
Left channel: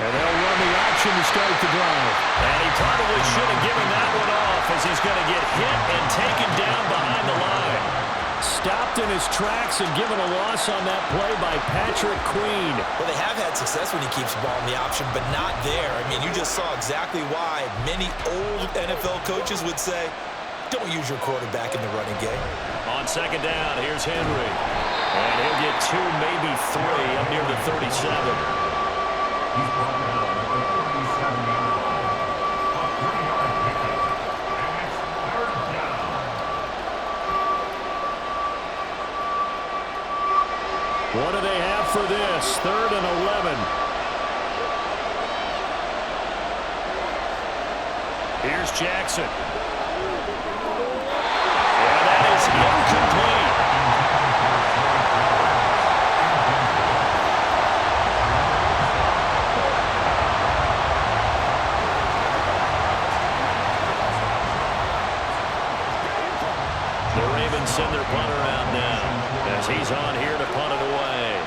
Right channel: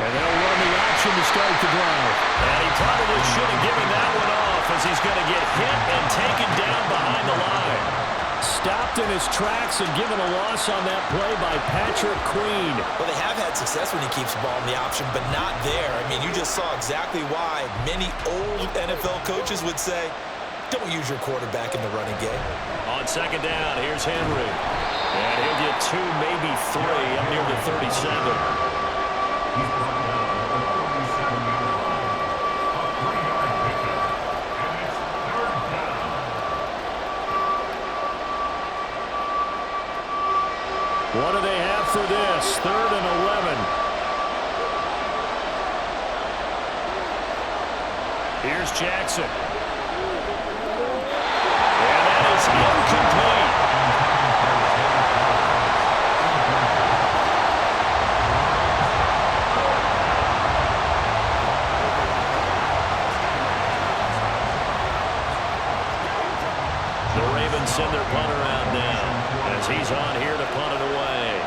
And they'll run the option to start the drive. And he probably should have given that one off as he's going to get hit and taken down behind the line. Stopped in his tracks and given a loss on that play by Patrick Queen. Well, they have had success when he keeps the ball in the option, but not there. I mean, you just saw exactly why many old NFL coaches would say, don't use your quarterback in the running game. On 2nd down, here's Henry. And he'll get 2, maybe 3 up near the 37. He's brought down at the 37-yard line. A 3-yard pickup. And it's 3rd down. What do they have for this? 3rd and 11. Here's Jackson. And that is incomplete. yards. He's on here to punt it away.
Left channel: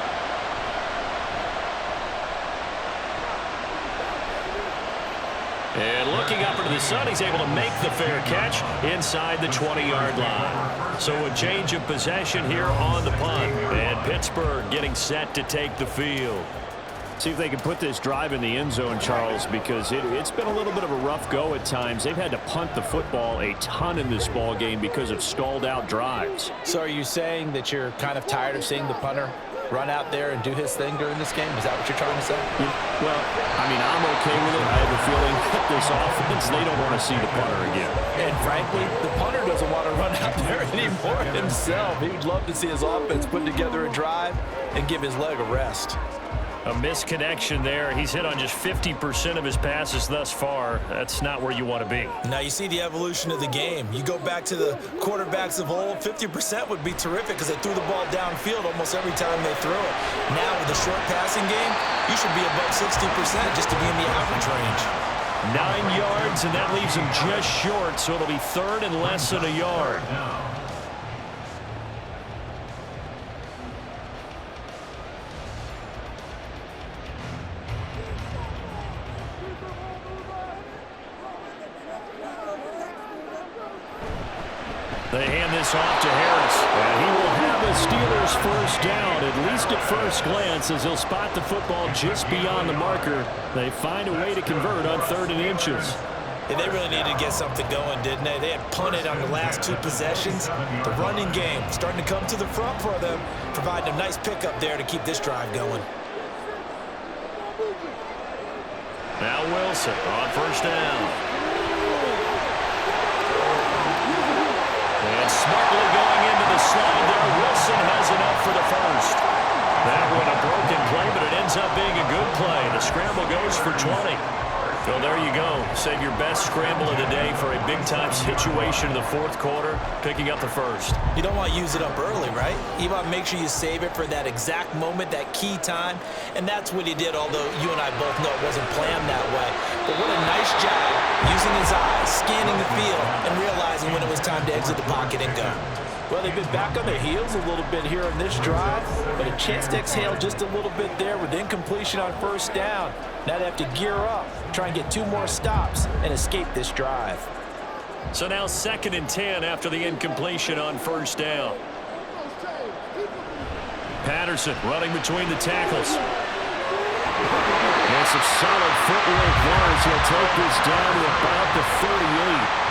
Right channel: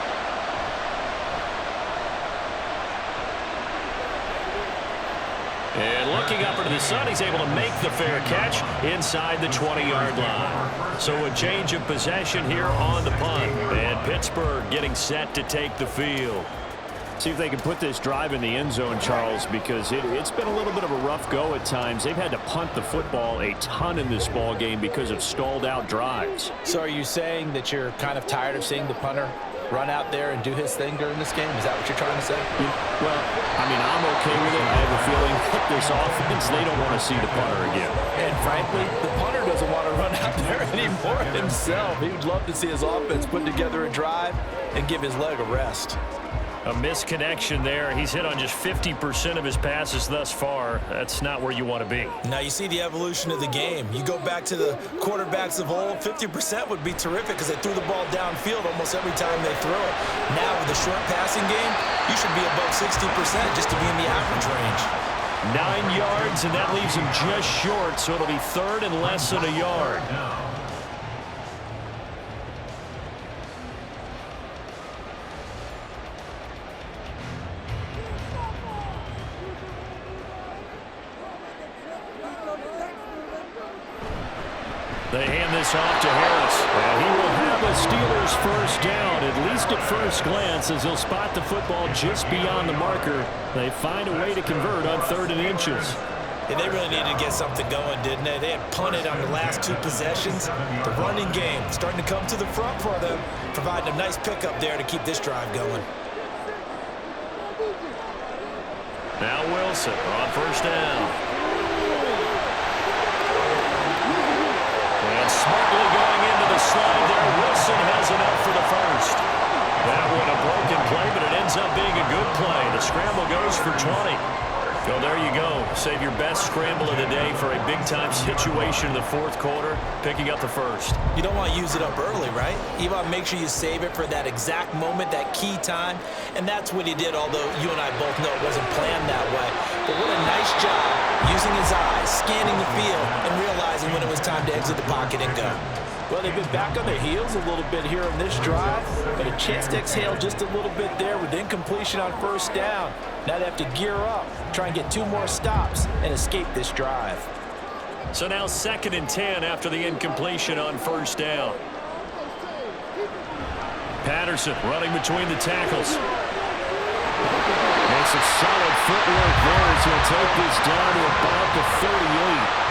And looking up into the sun, he's able to make the fair catch inside the 20-yard line. So a change of possession here on the punt. And Pittsburgh getting set to take the field. See if they can put this drive in the end zone, Charles, because it's been a little bit of a rough go at times. They've had to punt the football a ton in this ball game because of stalled out drives. So are you saying that you're kind of tired of seeing the punter run out there and do his thing during this game? Is that what you're trying to say? Well, I mean, I'm okay with it. I have a feeling that this offense, they don't want to see the punter again. And frankly, the punter doesn't want to run out there anymore himself. He would love to see his offense put together a drive and give his leg a rest. A misconnection there. He's hit on just 50% of his passes thus far. That's not where you want to be. Now you see the evolution of the game. You go back to the quarterbacks of old, 50% would be terrific because they threw the ball downfield almost every time they threw it. Now with the short passing game, you should be above 60% just to be in the average range. 9 yards, and that leaves him just short, so it'll be third and less than a yard. They hand this off to Harris. And he will have a Steelers first down, at least at first glance, as he'll spot the football just beyond the marker. They find a way to convert on 3rd and inches. Yeah, they really needed to get something going, didn't they? They had punted on the last 2 possessions. The running game starting to come to the front for them, providing a nice pickup there to keep this drive going. Now Wilson on first down. And smartly going into the slide there, Wilson has enough for the first. That one a broken play, but it ends up being a good play. The scramble goes for 20. Well, there you go. Save your best scramble of the day for a big-time situation in the 4th quarter, picking up the first. You don't want to use it up early, right? You want to make sure you save it for that exact moment, that key time. And that's what he did, although you and I both know it wasn't planned that way. But what a nice job using his eyes, scanning the field, and realizing when it was time to exit the pocket and go. Well, they've been back on their heels a little bit here in this drive, but a chance to exhale just a little bit there with incompletion on first down. Now they have to gear up, try and get 2 more stops, and escape this drive. So now 2nd and 10 after the incompletion on first down. Patterson running between the tackles. And some solid footwork there as he'll take this down to about the 38.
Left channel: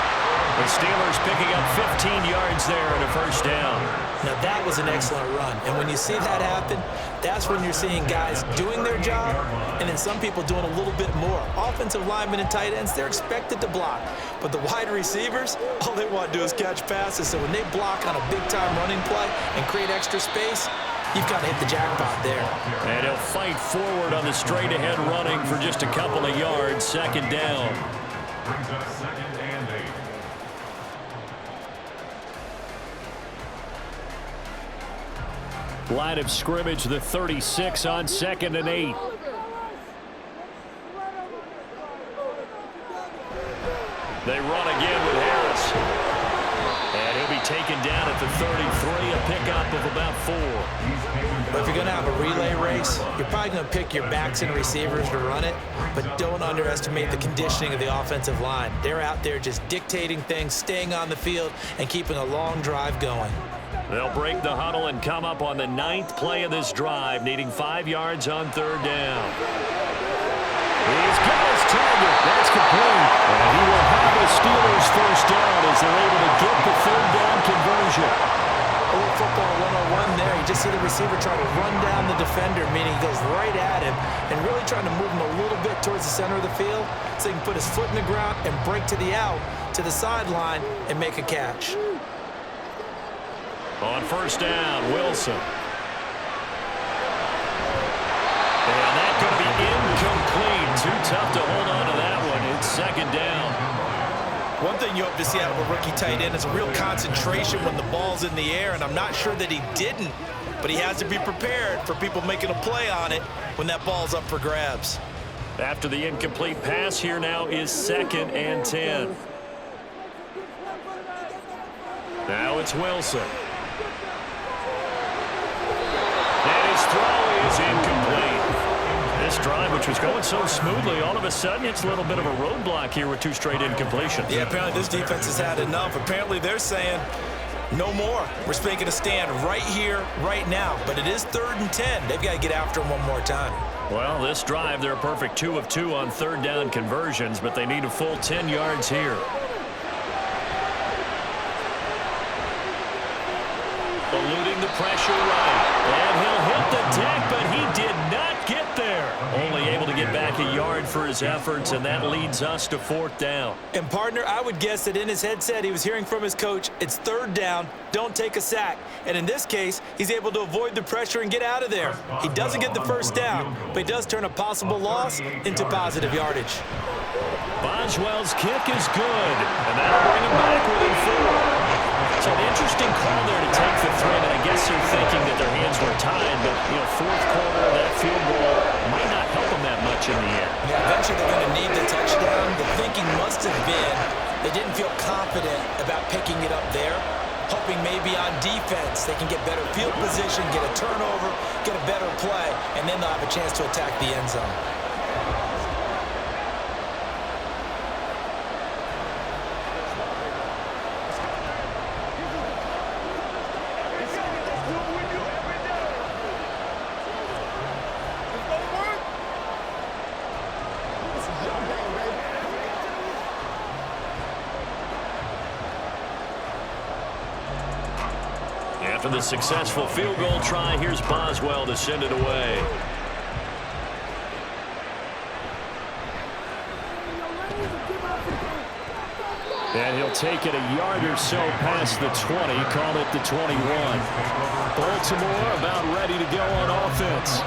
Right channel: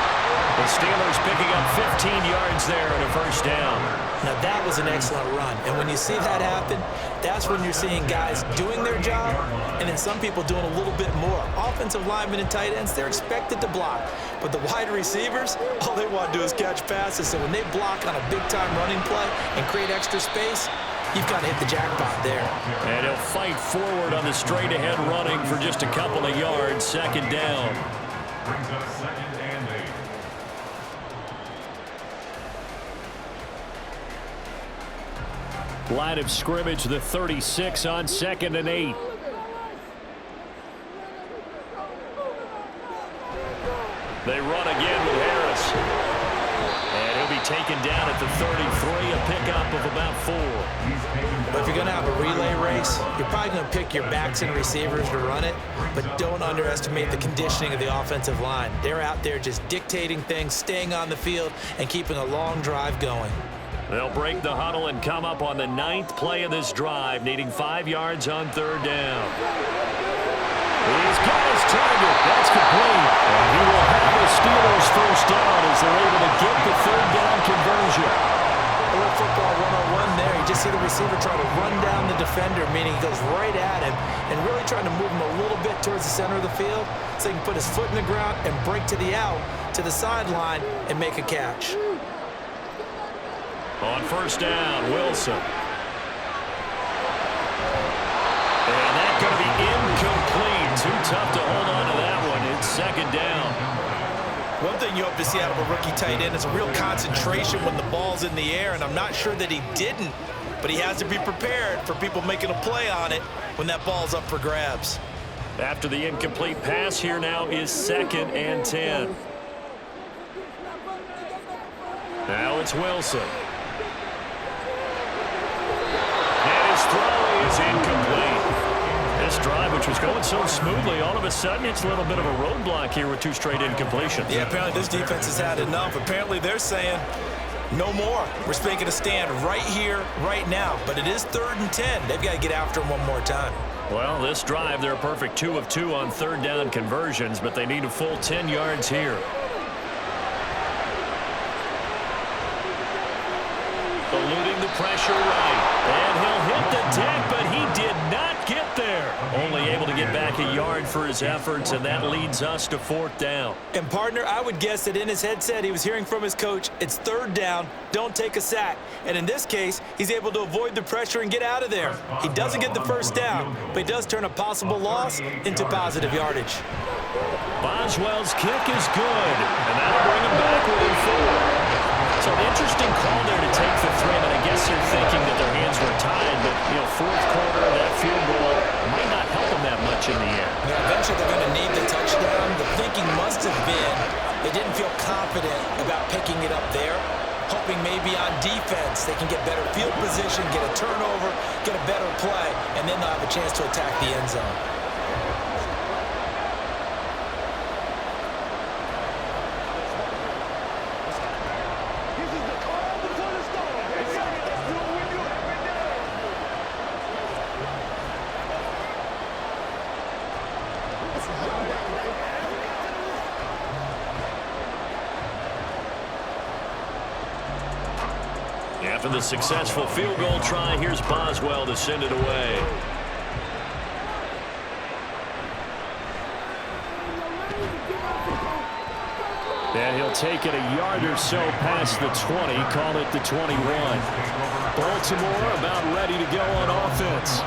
The Steelers picking up 15 yards there and a first down. Now that was an excellent run, and when you see that happen, that's when you're seeing guys doing their job and then some people doing a little bit more. Offensive linemen and tight ends, they're expected to block, but the wide receivers, all they want to do is catch passes. So when they block on a big-time running play and create extra space, you've got to hit the jackpot there. And he'll fight forward on the straight-ahead running for just a couple of yards. 2nd down. Brings up 2nd and 8. Line of scrimmage, the 36 on 2nd and 8. They run again with Harris. And he'll be taken down at the 33, a pickup of about 4. But if you're going to have a relay race, you're probably going to pick your backs and receivers to run it, but don't underestimate the conditioning of the offensive line. They're out there just dictating things, staying on the field, and keeping a long drive going. They'll break the huddle and come up on the 9th play of this drive, needing 5 yards on 3rd down. He's got his target. That's complete. And he will have a Steelers first down as they're able to get the 3rd down conversion. A little football 101 there. You just see the receiver try to run down the defender, meaning he goes right at him and really trying to move him a little bit towards the center of the field so he can put his foot in the ground and break to the out, to the sideline, and make a catch. On first down, Wilson. And that's going to be incomplete. Too tough to hold on to that one. It's 2nd down. One thing you hope to see out of a rookie tight end is a real concentration when the ball's in the air, and I'm not sure that he didn't, but he has to be prepared for people making a play on it when that ball's up for grabs. After the incomplete pass, here now is 2nd and 10. Now it's Wilson. is incomplete. This drive, which was going so smoothly, all of a sudden it's a little bit of a roadblock here with 2 straight incompletions. Yeah, apparently this defense has had enough. Apparently they're saying no more. We're making a stand right here, right now. But it is 3rd and 10. They've got to get after him one more time. Well, this drive, they're a perfect 2 of 2 on 3rd down conversions, but they need a full 10 yards here. Eluding the pressure right. And he'll hit the deck, but he did not get there. Only able to get back a yard for his efforts, and that leads us to 4th down. And, partner, I would guess that in his headset he was hearing from his coach, it's 3rd down, don't take a sack. And in this case, he's able to avoid the pressure and get out of there. He doesn't get the 1st down, but he does turn a possible loss into positive yardage. Boswell's kick is good, and that'll bring him back within 4. So an interesting call there to take the 3, and I guess they're thinking that their hands were tied, but, 4th quarter, that field goal might not help them that much in the end. Yeah, eventually they're going to need the touchdown. The thinking must have been they didn't feel confident about picking it up there, hoping maybe on defense they can get better field position, get a turnover, get a better play, and then they'll have a chance to attack the end zone. After the successful field goal try, here's Boswell to send it away. And he'll take it a yard or so past the 20, call it the 21. Baltimore about ready to go on offense.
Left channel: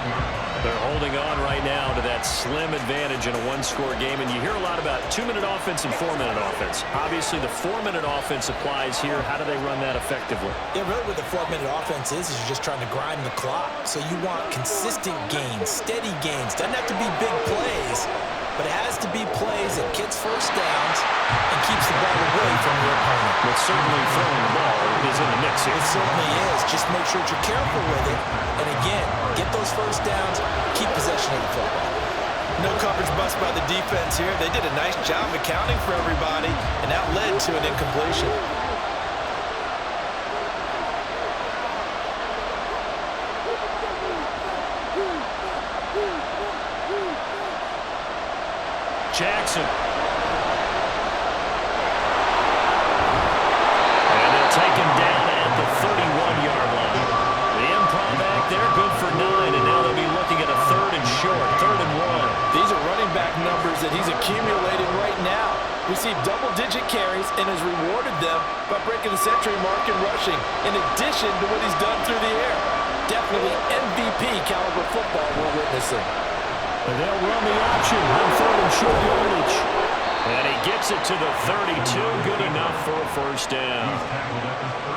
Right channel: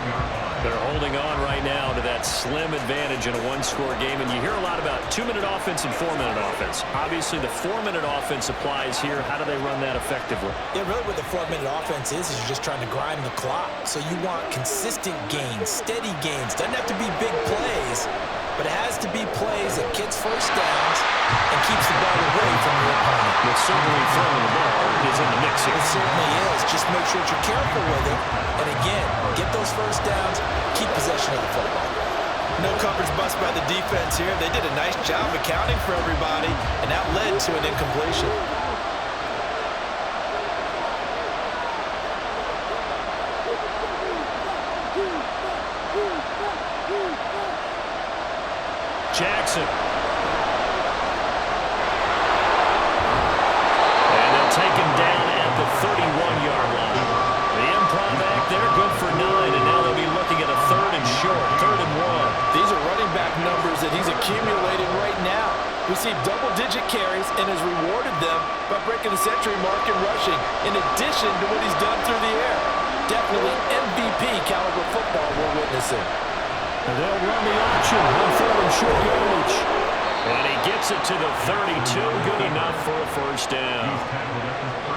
They're holding on right now to that slim advantage in a 1-score game, and you hear a lot about 2-minute offense and 4-minute offense. Obviously, the 4-minute offense applies here. How do they run that effectively? Yeah, really what the 4-minute offense is you're just trying to grind the clock. So you want consistent gains, steady gains. Doesn't have to be big plays, but it has to be plays that gets 1st downs and keeps the ball away from your opponent. But certainly throwing the ball is in the mix here. It certainly is. Just make sure that you're careful with it. And again, get those 1st downs, keep possession of the football. No coverage bust by the defense here. They did a nice job accounting for everybody, and that led to an incompletion. Jackson. And they'll take him down at the 31-yard line. The improv act there, good for 9, and now they'll be looking at a 3rd and short, 3rd and 1. These are running back numbers that he's accumulating right now. Received double-digit carries and has rewarded them by breaking the century mark in rushing, in addition to what he's done through the air. Definitely MVP caliber football we're witnessing. And they'll run the option on 3rd and short yardage. And he gets it to the 32, good enough for a 1st down.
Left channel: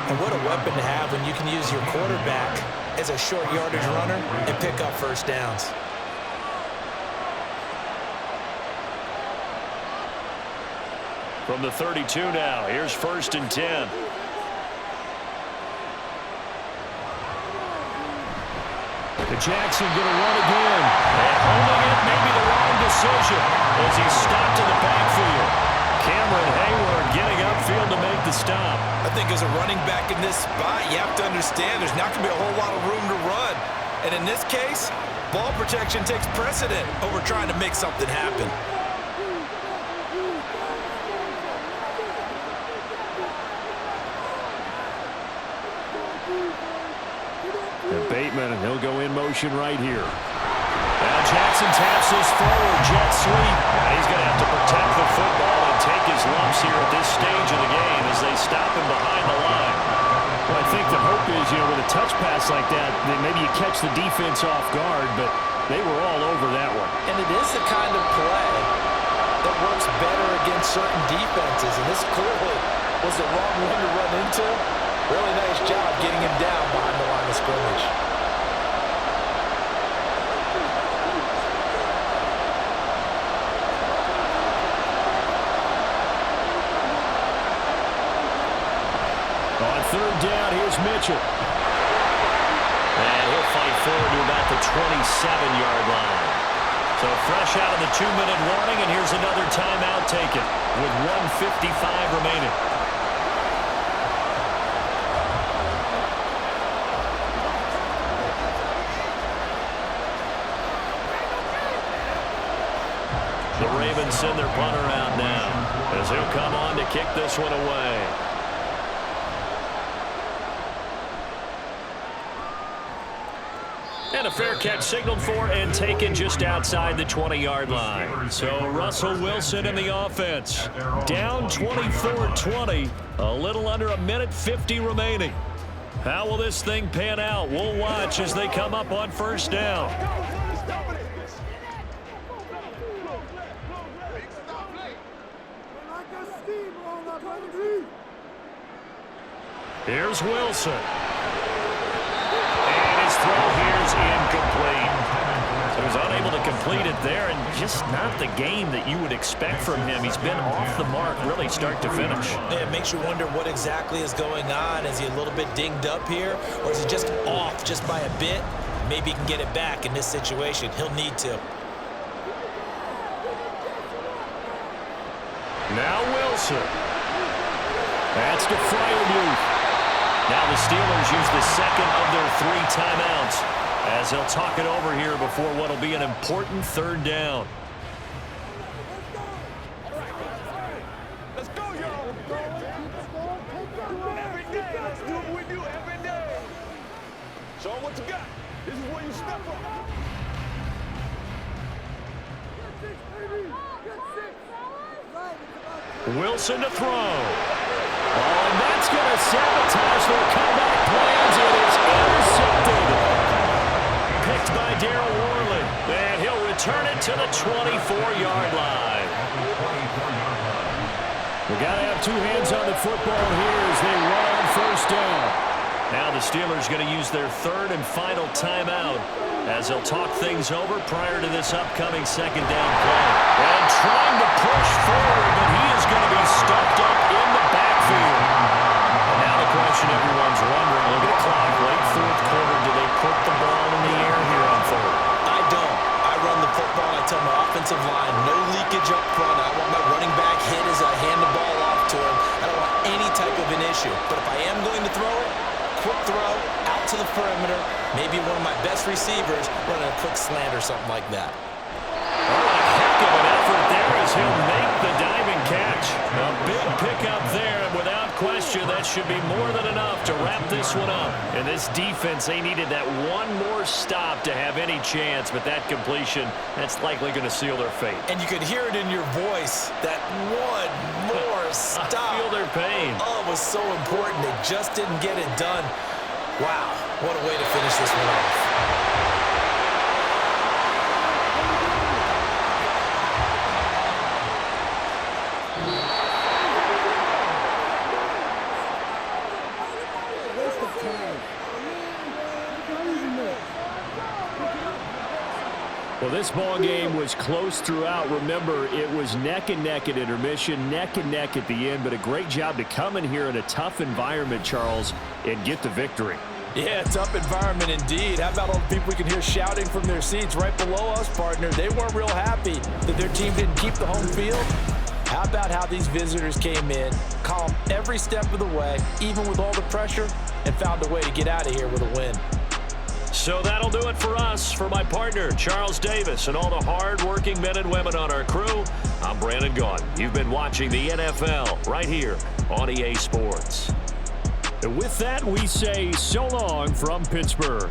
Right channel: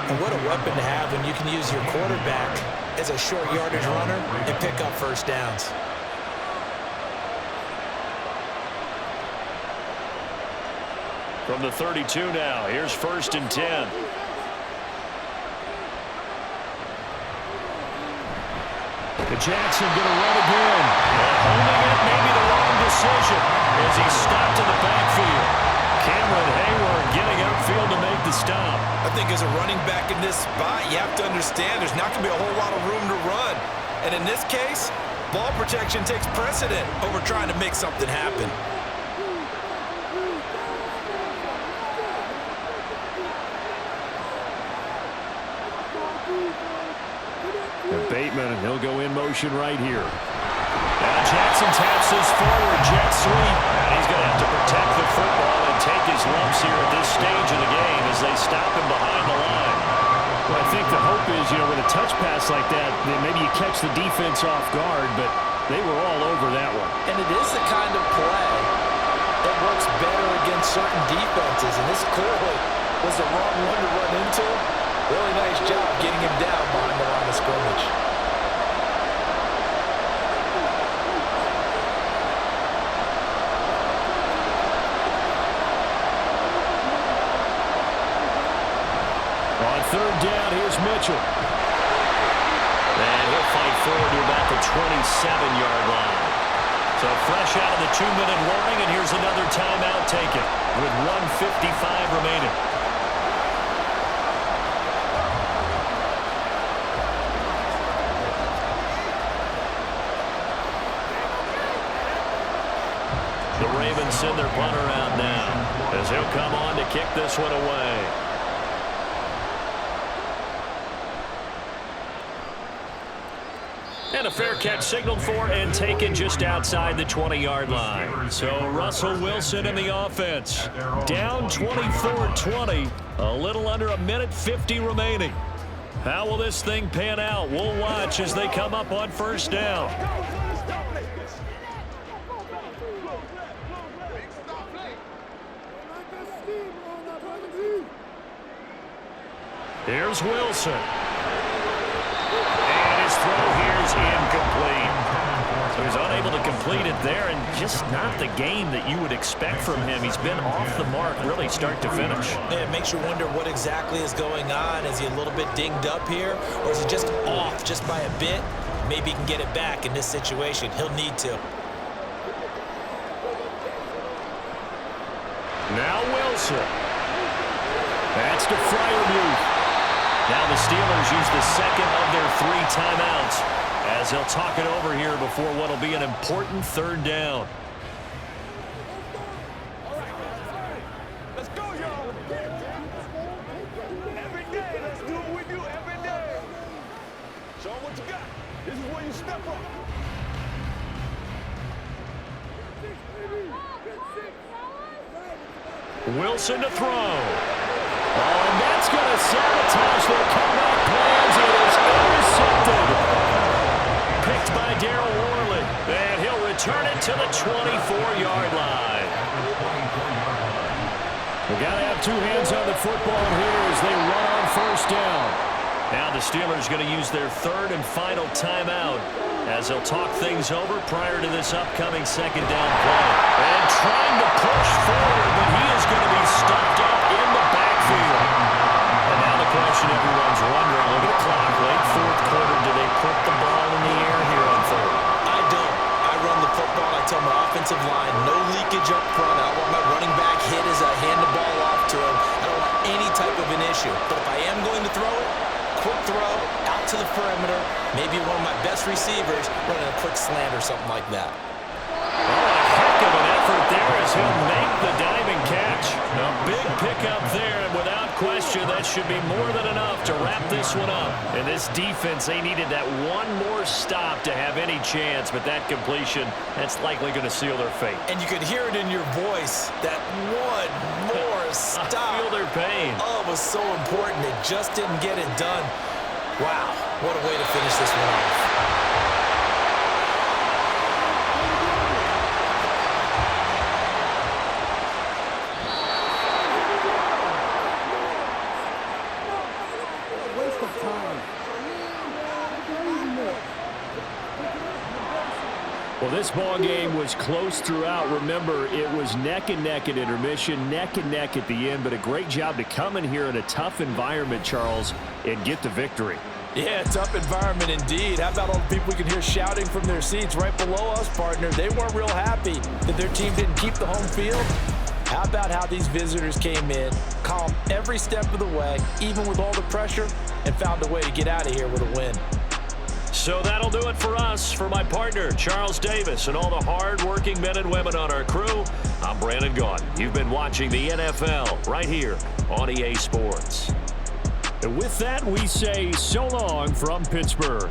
And what a weapon to have when you can use your quarterback as a short yardage runner and pick up 1st downs. From the 32 now, here's 1st and 10. Jackson going to run again. And holding it, maybe the wrong decision as he's stopped in the backfield. Cameron Hayward getting upfield to make the stop. I think as a running back in this spot, you have to understand there's not going to be a whole lot of room to run. And in this case, ball protection takes precedent over trying to make something happen. And Bateman, and he'll go in motion right here. Now Jackson taps this forward, jet sweep. And he's going to have to protect the football and take his lumps here at this stage of the game as they stop him behind the line. Well, I think the hope is, with a touch pass like that, then maybe you catch the defense off guard, but they were all over that one. And it is the kind of play that works better against certain defenses, and this clearly was the wrong one to run into. Really nice job getting him down behind the line of scrimmage. On 3rd down, here's Mitchell. And he'll fight forward to about the 27-yard line. So fresh out of the 2-minute warning, and here's another timeout taken with 1:55 remaining. The Ravens send their punter out now as he'll come on to kick this one away. And a fair catch signaled for and taken just outside the 20-yard line. So Russell Wilson in the offense. Down 24-20. A little under 1:50 remaining. How will this thing pan out? We'll watch as they come up on first down. Here's Wilson. And his throw here's incomplete. So he's unable to complete it there, and just not the game that you would expect from him. He's been off the mark really start to finish. Yeah, it makes you wonder what exactly is going on. Is he a little bit dinged up here, or is he just off just by a bit? Maybe he can get it back in this situation. He'll need to. Now Wilson. That's to Freiermuth. Now the Steelers use the second of their 3 timeouts as they'll talk it over here before what will be an important third down. Let's go, y'all. Every day, let's do what we do every day. Show 'em what you got. This is where you step up. Wilson to throw. Oh, and that's going to sabotage their comeback plans. It is intercepted. Picked by Darryl Worley. And he'll return it to the 24-yard line. We've got to have 2 hands on the football here as they run on first down. Now the Steelers going to use their 3rd and final timeout as they'll talk things over prior to this upcoming second down play. And trying to push forward, but he is going to be stuffed up in the backfield. And now the question everyone's wondering, look at the clock, late 4th quarter, do they put the ball in the air here on 3rd? I don't. I run the football, and I tell my offensive line, no leakage up front. I want my running back hit as I hand the ball off to him. I don't want any type of an issue. But if I am going to throw it, quick throw, out to the perimeter, maybe one of my best receivers running a quick slant or something like that. Oh, a heck of an effort there as he'll make the diving catch. A big pickup there, and without question, that should be more than enough to wrap this one up. And this defense, they needed that one more stop to have any chance, but that completion, that's likely going to seal their fate. And you could hear it in your voice, that one more stop. I feel their pain. Oh, it was so important. They just didn't get it done. Wow, what a way to finish this one off. Well, this ball game was close throughout. Remember, it was neck and neck at intermission, neck and neck at the end, but a great job to come in here in a tough environment, Charles, and get the victory. Yeah, tough environment indeed. How about all the people we can hear shouting from their seats right below us, partner? They weren't real happy that their team didn't keep the home field. How about how these visitors came in, calm every step of the way, even with all the pressure, and found a way to get out of here with a win. So that'll do it for us. For my partner, Charles Davis, and all the hard-working men and women on our crew, I'm Brandon Gaudin. You've been watching the NFL right here on EA Sports. And with that, we say so long from Pittsburgh.